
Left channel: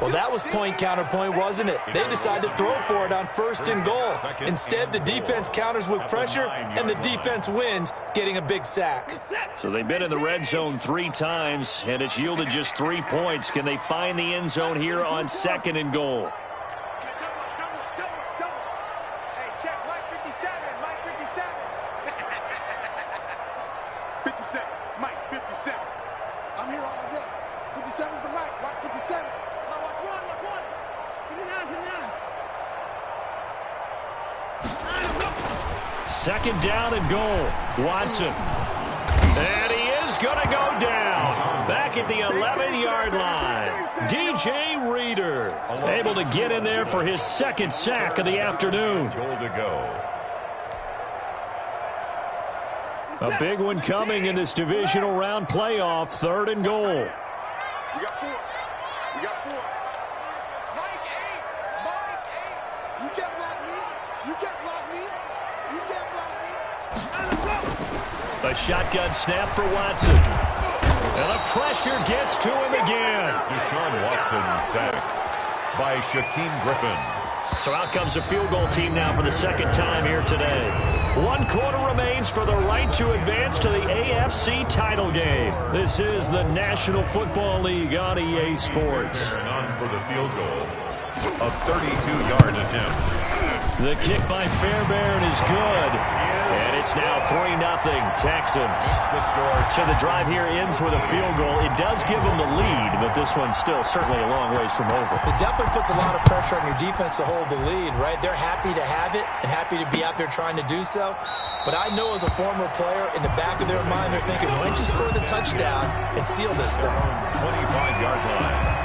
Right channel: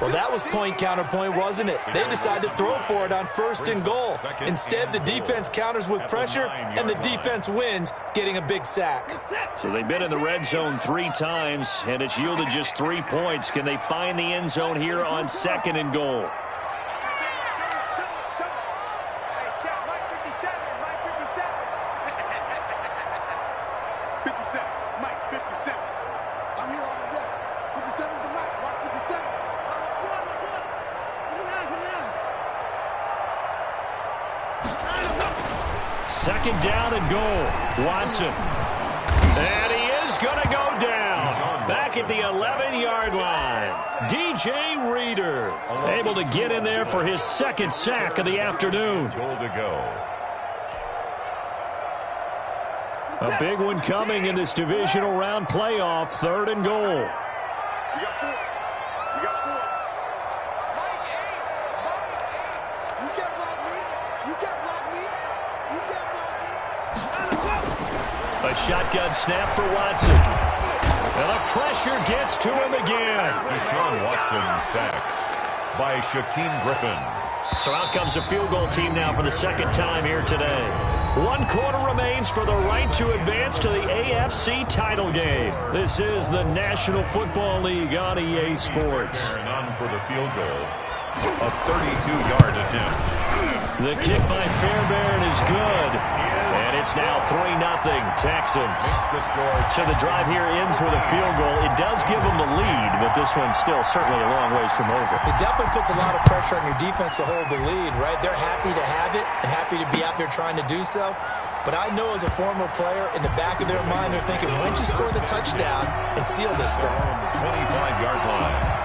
Well, that was point counterpoint, wasn't it? They decided to throw for it on 1st and goal. Instead, the defense counters with pressure, and the defense wins, getting a big sack. So they've been in the red zone 3 times, and it's yielded just 3 points. Can they find the end zone here on 2nd and goal? Hey, check Mike 57, Mike 57. 57, Mike 57. I'm here all day. 57's the mic, watch 57. Watch one. 59. Second down and goal. Watson. And he is going to go down. Back at the 11-yard line. DJ Reader able to get in there for his second sack of the afternoon. Goal to go. A big one coming in this divisional round playoff. Third and goal. We got 4. We got 4. Mike 8. Mike 8. You can't block me. You can't block me. You can't block me. A shotgun snap for Watson. And the pressure gets to him again. Deshaun Watson sacked by Shaquem Griffin. So out comes a field goal team now for the second time here today. 1 quarter remains for the right to advance to the AFC title game. This is the National Football League on EA Sports. And on for the field goal. A 32-yard attempt. The kick by Fairbairn is good. And it's now 3-0 Texans. The score. So the drive here ends with a field goal. It does give them the lead, but this one's still certainly a long ways from over. It definitely puts a lot of pressure on your defense to hold the lead, right? They're happy to have it and happy to be out there trying to do so. But I know as a former player, in the back of their mind, they're thinking, why don't you score the touchdown and seal this thing? 25-yard line.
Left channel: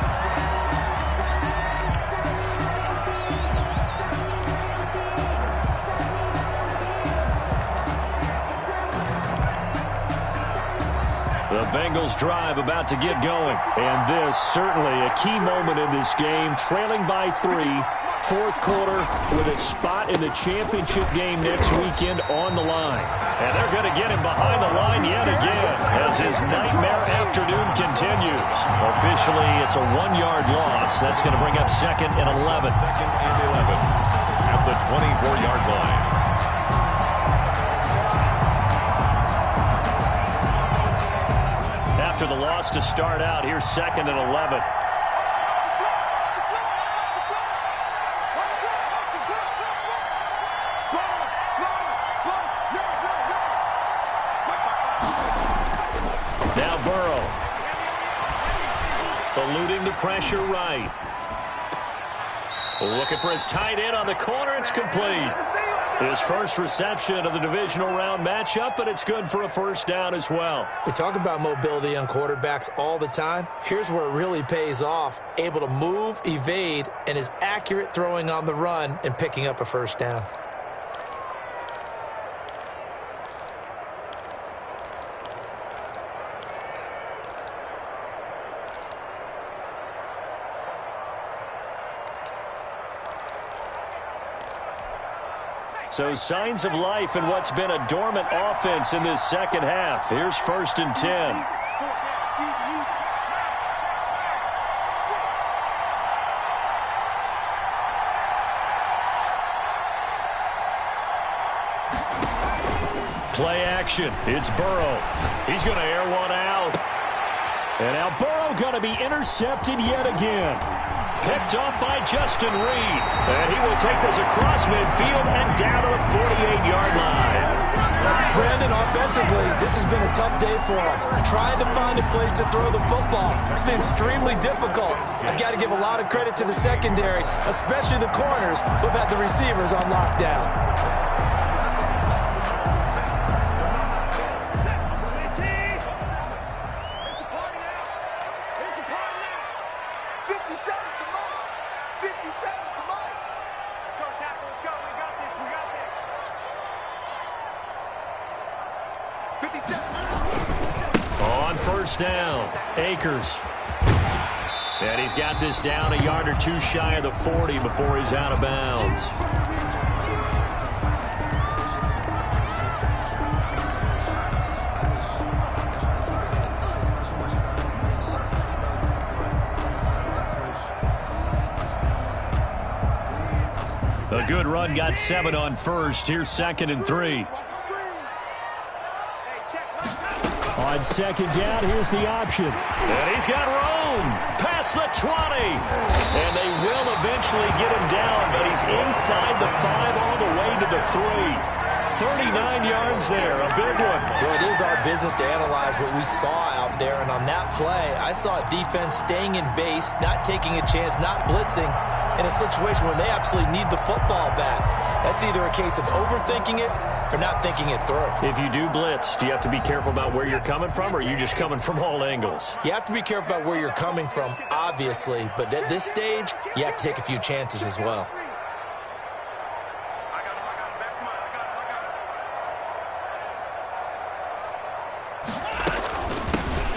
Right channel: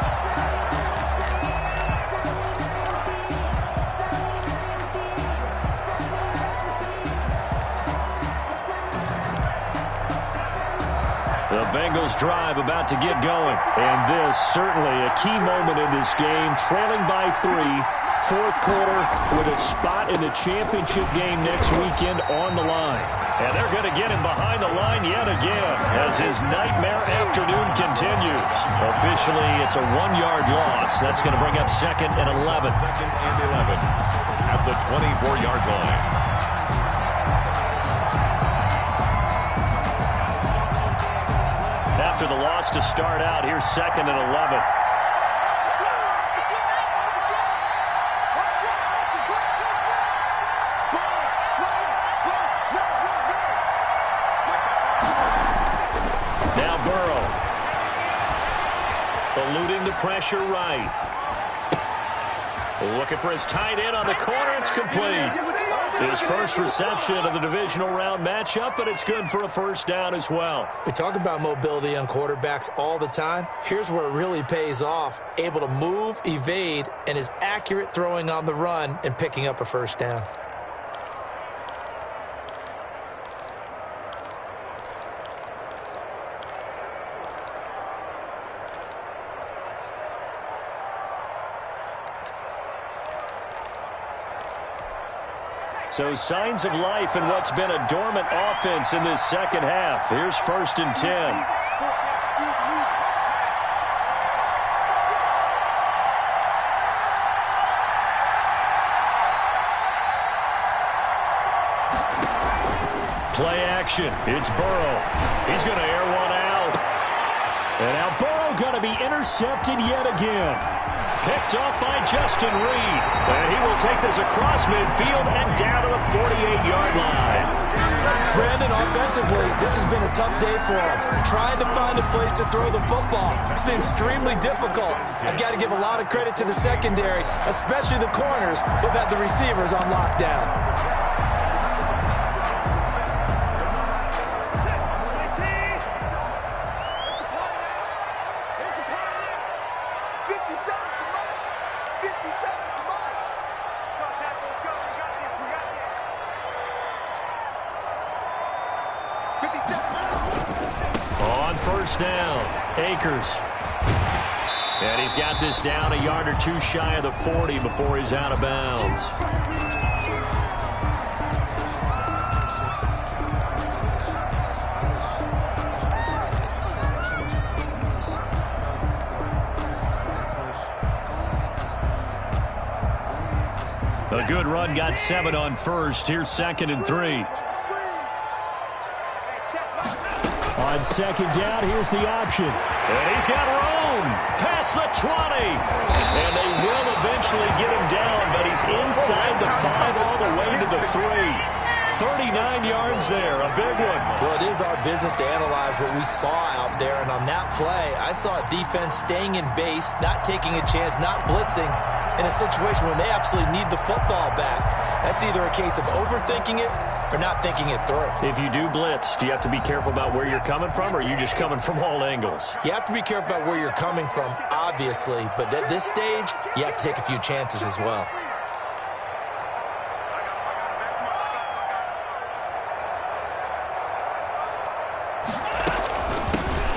The Bengals drive about to get going. And this certainly a key moment in this game. Trailing by 3. Fourth quarter with a spot in the championship game next weekend on the line. And they're going to get him behind the line yet again as his nightmare afternoon continues. Officially, it's a 1-yard loss. That's going to bring up 2nd and 11. 2nd and 11 at the 24-yard line. After the loss to start out, here's 2nd and 11. Now Burrow. Eluding the pressure right. Looking for his tight end on the corner. It's complete. His first reception of the divisional round matchup, but it's good for a first down as well. We talk about mobility on quarterbacks all the time. Here's where it really pays off. Able to move, evade, and is accurate throwing on the run and picking up a first down. So signs of life in what's been a dormant offense in this second half. Here's 1st and 10. Play action. It's Burrow. He's going to air one out. And now Burrow going to be intercepted yet again. Picked off by Justin Reed. And he will take this across midfield and down to the 48-yard line. Brandon, offensively, this has been a tough day for him. Trying to find a place to throw the football. It's been extremely difficult. I've got to give a lot of credit to the secondary, especially the corners who've had the receivers on lockdown. On first down, Akers. And he's got this down a yard or two shy of the 40 before he's out of bounds. A good run, got 7 on first. Here's 2nd and 3. On second down, here's the option. And he's got room past the 20. And they will eventually get him down, but he's inside the 5 all the way to the 3. 39 yards there, a big one. Well, it is our business to analyze what we saw out there. And on that play, I saw a defense staying in base, not taking a chance, not blitzing in a situation when they absolutely need the football back. That's either a case of overthinking it or not thinking it through. If you do blitz, do you have to be careful about where you're coming from, or are you just coming from all angles? You have to be careful about where you're coming from, obviously, but at this stage, you have to take a few chances as well.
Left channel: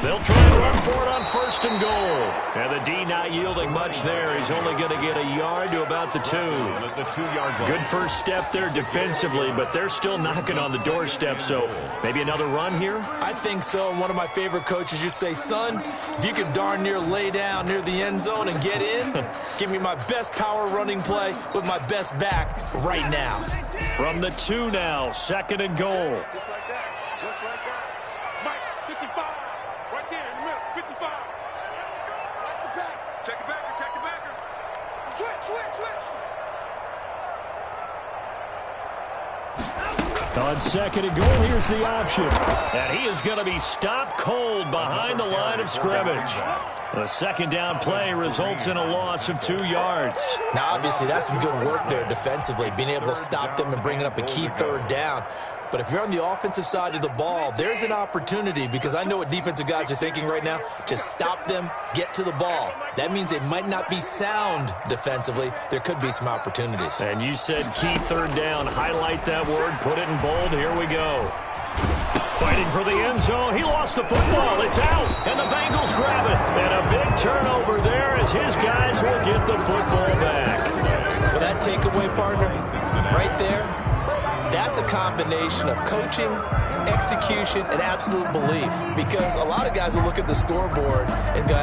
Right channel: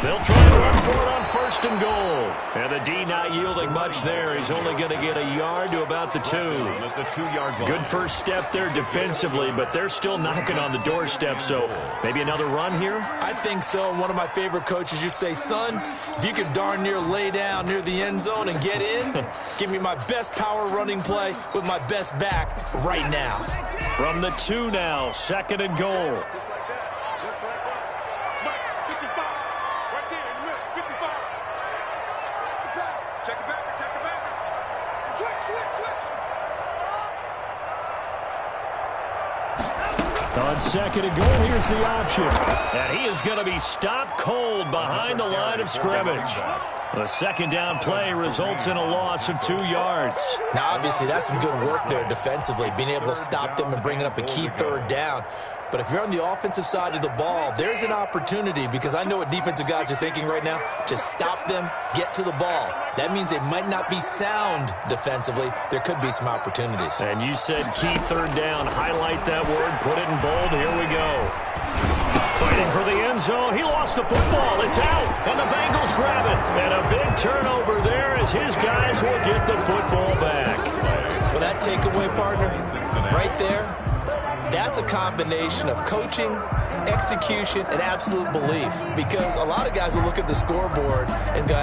They'll try to run for it on 1st and goal. And the D not yielding much there. He's only going to get a yard to about the 2. At the 2-yard line. Good first step there defensively, but they're still knocking on the doorstep, so maybe another run here? I think so. And one of my favorite coaches used to say, son, if you can darn near lay down near the end zone and get in, give me my best power running play with my best back right now. From the 2 now, 2nd and goal. Just like that. Just like that. Mike, 55. Right there in the middle. 55. Watch the pass. Check the backer. Check the backer. Switch. On 2nd and goal, here's the option. And he is going to be stopped cold behind the line of scrimmage. The 2nd down play results in a loss of 2 yards. Now, obviously, that's some good work there defensively, being able to stop them and bringing up a key 3rd down. But if you're on the offensive side of the ball, there's an opportunity, because I know what defensive guys are thinking right now. Just stop them, get to the ball. That means they might not be sound defensively. There could be some opportunities. And you said key 3rd down. Highlight that word. Put it in bold. Here we go. Fighting for the end zone. He lost the football. It's out. And the Bengals grab it. And a big turnover there as his guys will get the football back. Well, that takeaway, partner, right there, that's a combination of coaching, execution, and absolute belief. Because a lot of guys will look at the scoreboard and go,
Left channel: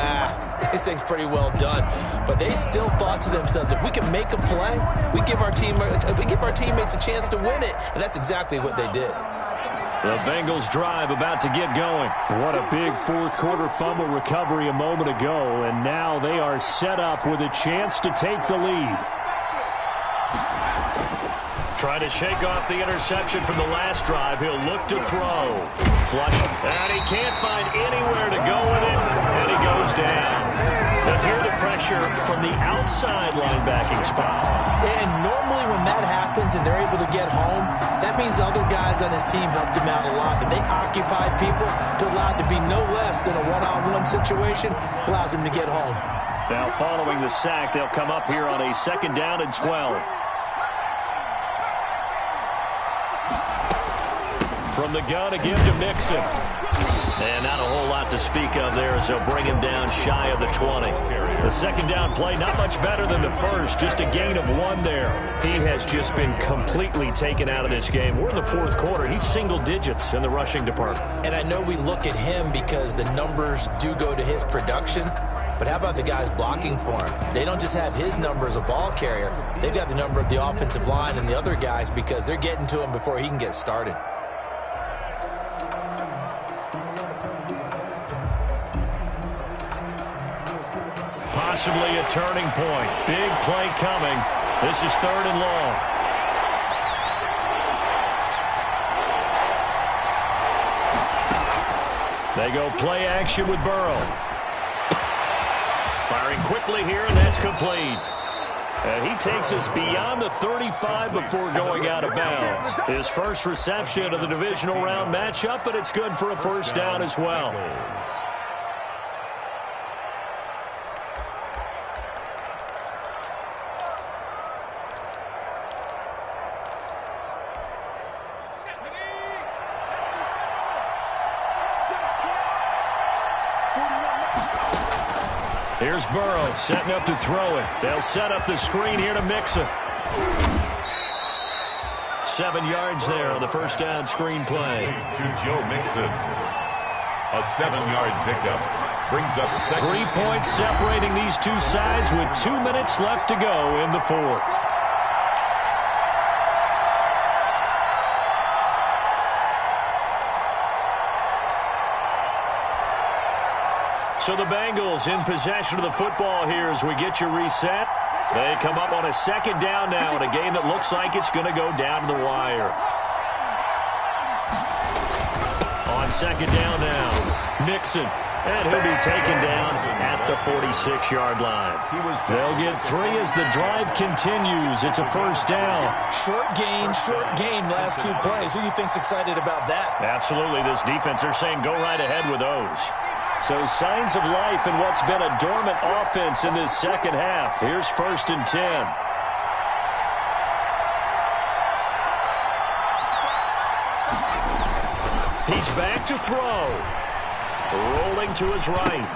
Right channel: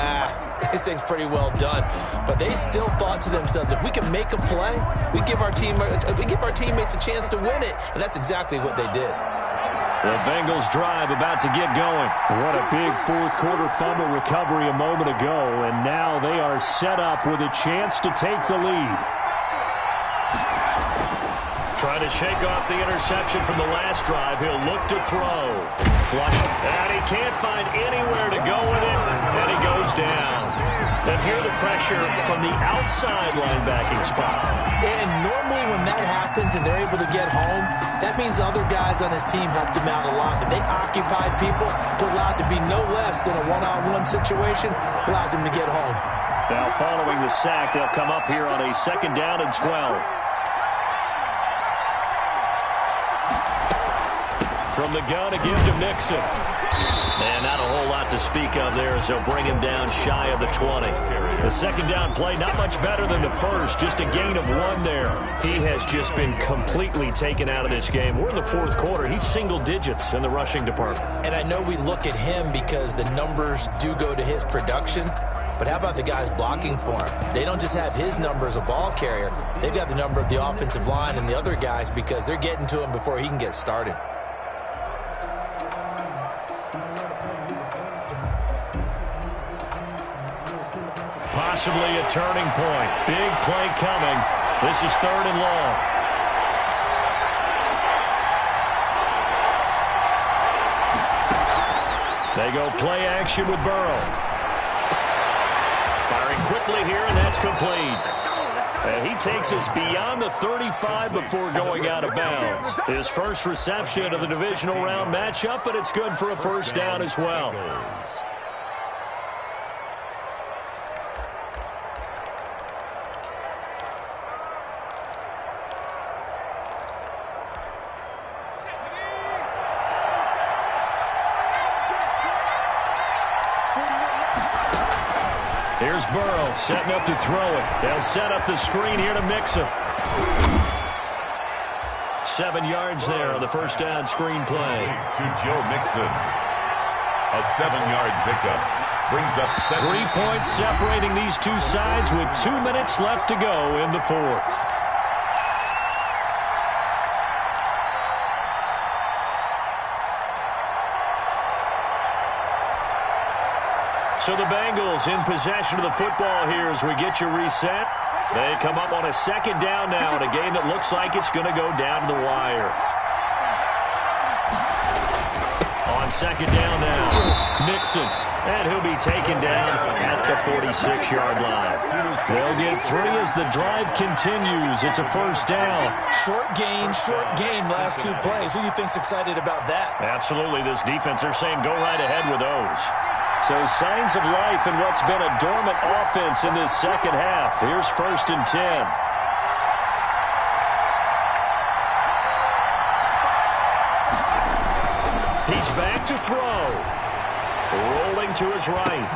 this thing's pretty well done. But they still thought to themselves, if we can make a play, we give our teammates a chance to win it. And that's exactly what they did. The Bengals drive about to get going. What a big 4th quarter fumble recovery a moment ago. And now they are set up with a chance to take the lead. Trying to shake off the interception from the last drive. He'll look to throw. Flush. And he can't find anywhere to go with it. And he goes down. And here the pressure from the outside linebacking spot. And normally when that happens and they're able to get home, that means the other guys on his team helped him out a lot. That they occupied people to allow it to be no less than a one-on-one situation, allows him to get home. Now following the sack, they'll come up here on a 2nd down and 12. From the gun, a give to Mixon. And not a whole lot to speak of there as they'll bring him down shy of the 20. The 2nd down play, not much better than the first, just a gain of 1 there. He has just been completely taken out of this game. We're in the 4th quarter. He's single digits in the rushing department. And I know we look at him because the numbers do go to his production. But how about the guys blocking for him? They don't just have his number as a ball carrier. They've got the number of the offensive line and the other guys because they're getting to him before he can get started. Possibly a turning point. Big play coming. This is 3rd and long. They go play action with Burrow. Firing quickly here, and that's complete. And he takes us beyond the 35 before going out of bounds. His first reception of the divisional round matchup, but it's good for a 1st down as well. Here's Burrow setting up to throw it. They'll set up the screen here to Mixon. 7 yards there on the 1st down screen play. To Joe Mixon. A 7-yard pickup. Brings up 3 points separating these two sides with 2 minutes left to go in the 4th. So the Bengals in possession of the football here as we get you reset. They come up on a 2nd down now in a game that looks like it's going to go down to the wire. On 2nd down now, Mixon And he'll be taken down at the 46-yard line. They'll get 3 as the drive continues. It's a first down. Short gain, last 2 plays. Who do you think's excited about that? Absolutely. This defense, they're saying go right ahead with those. So signs of life in what's been a dormant offense in this second half. Here's 1st and 10. He's back to throw. Rolling to his right.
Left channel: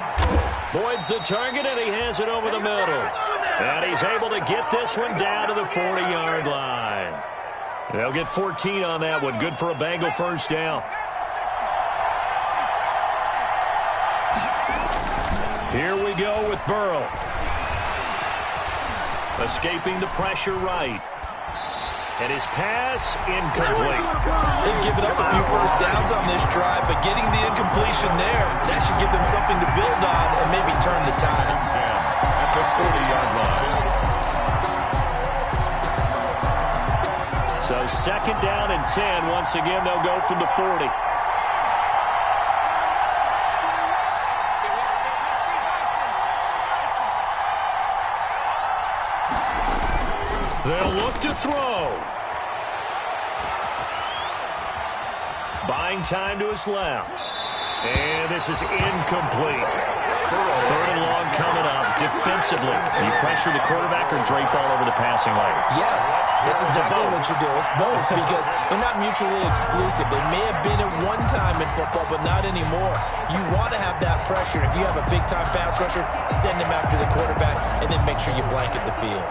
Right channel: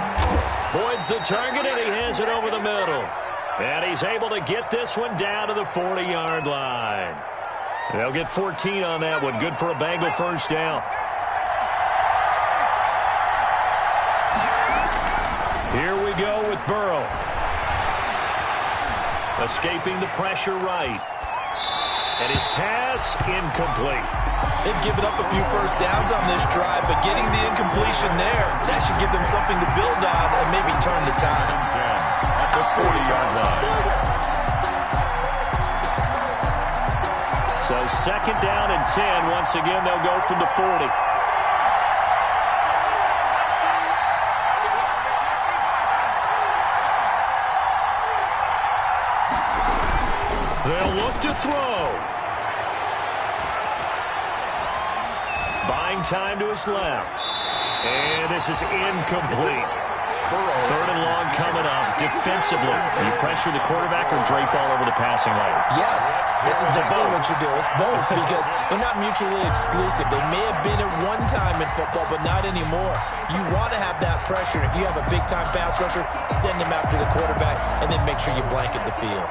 Boyd's the target, and he has it over the middle. And he's able to get this one down to the 40-yard line. They'll get 14 on that one. Good for a Bengal first down. Here we go with Burrow. Escaping the pressure right. And his pass incomplete. They've given up a few first downs on this drive, but getting the incompletion there, that should give them something to build on and maybe turn the tide. 10 at the 40-yard line. So 2nd down and 10. Once again, they'll go from the 40. They'll look to throw. Buying time to his left. And this is incomplete. 3rd and long coming up. Defensively, you pressure the quarterback or drape all over the passing lane? Yes, that's exactly what you do. It's both because they're not mutually exclusive. They may have been at one time in football, but not anymore. You want to have that pressure. If you have a big-time pass rusher, send him after the quarterback, and then make sure you blanket the field.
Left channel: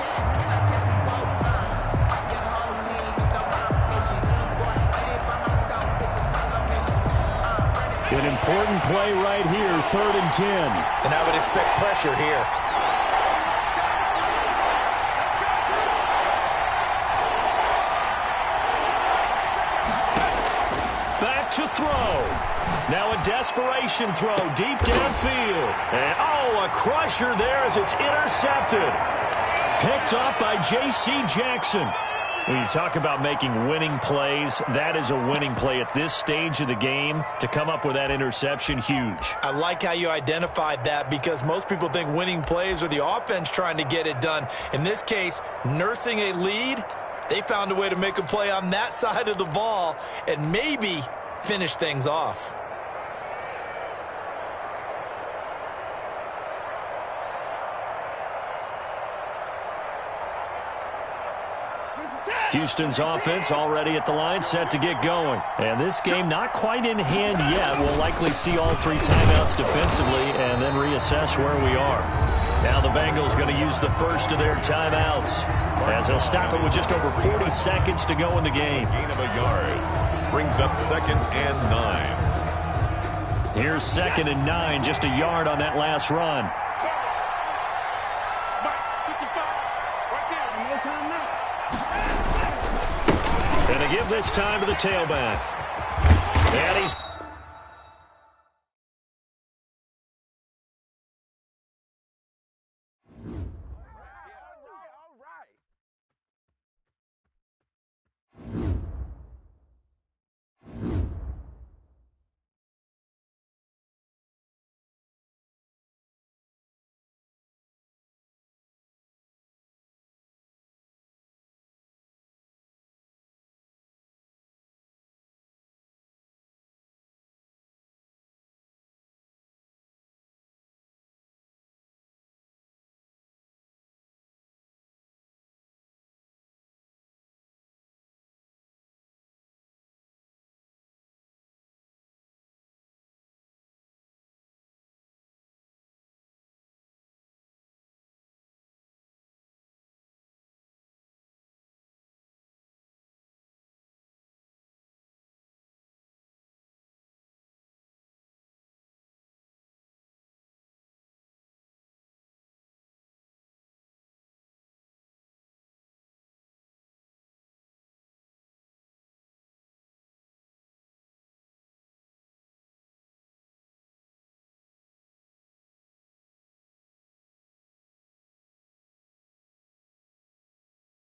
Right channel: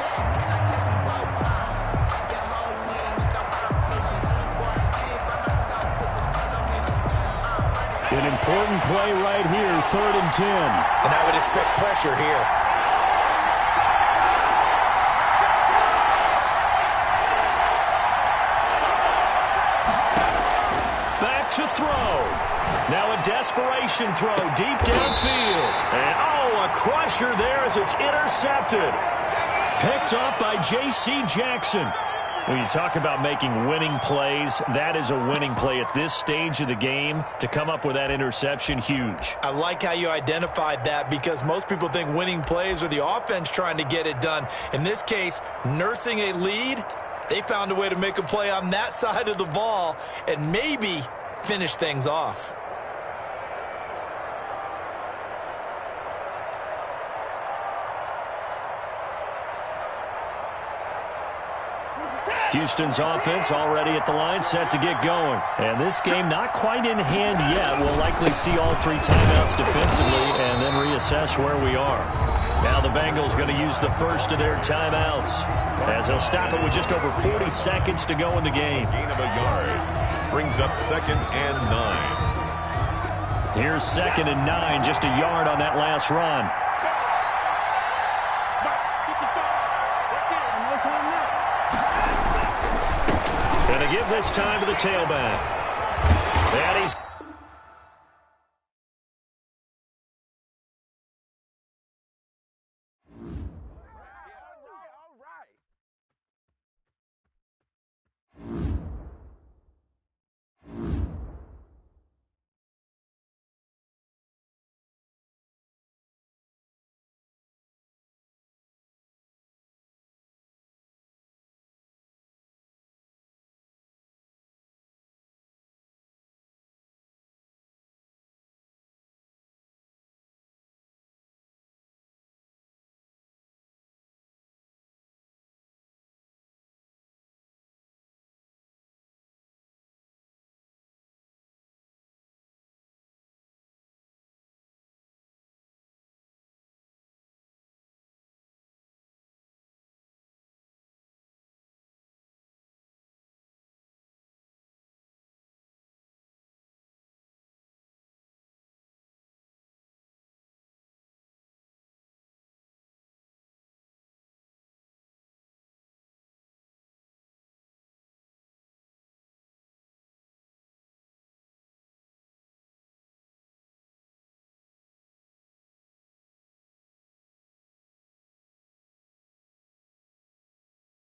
An important play right here, 3rd and 10. And I would expect pressure here. Back to throw. Now a desperation throw deep downfield. And, oh, a crusher there as it's intercepted. Picked up by J.C. Jackson. When you talk about making winning plays, that is a winning play at this stage of the game. To come up with that interception, huge. I like how you identified that because most people think winning plays are the offense trying to get it done. In this case, nursing a lead, they found a way to make a play on that side of the ball and maybe finish things off. Houston's offense already at the line, set to get going. And this game not quite in hand yet. We'll likely see all 3 timeouts defensively and then reassess where we are. Now the Bengals going to use the first of their timeouts as they'll stop it with just over 40 seconds to go in the game. Gain of a yard brings up 2nd and 9. Here's 2nd and 9, just a yard on that last run. And they give this time to the tailback. And he's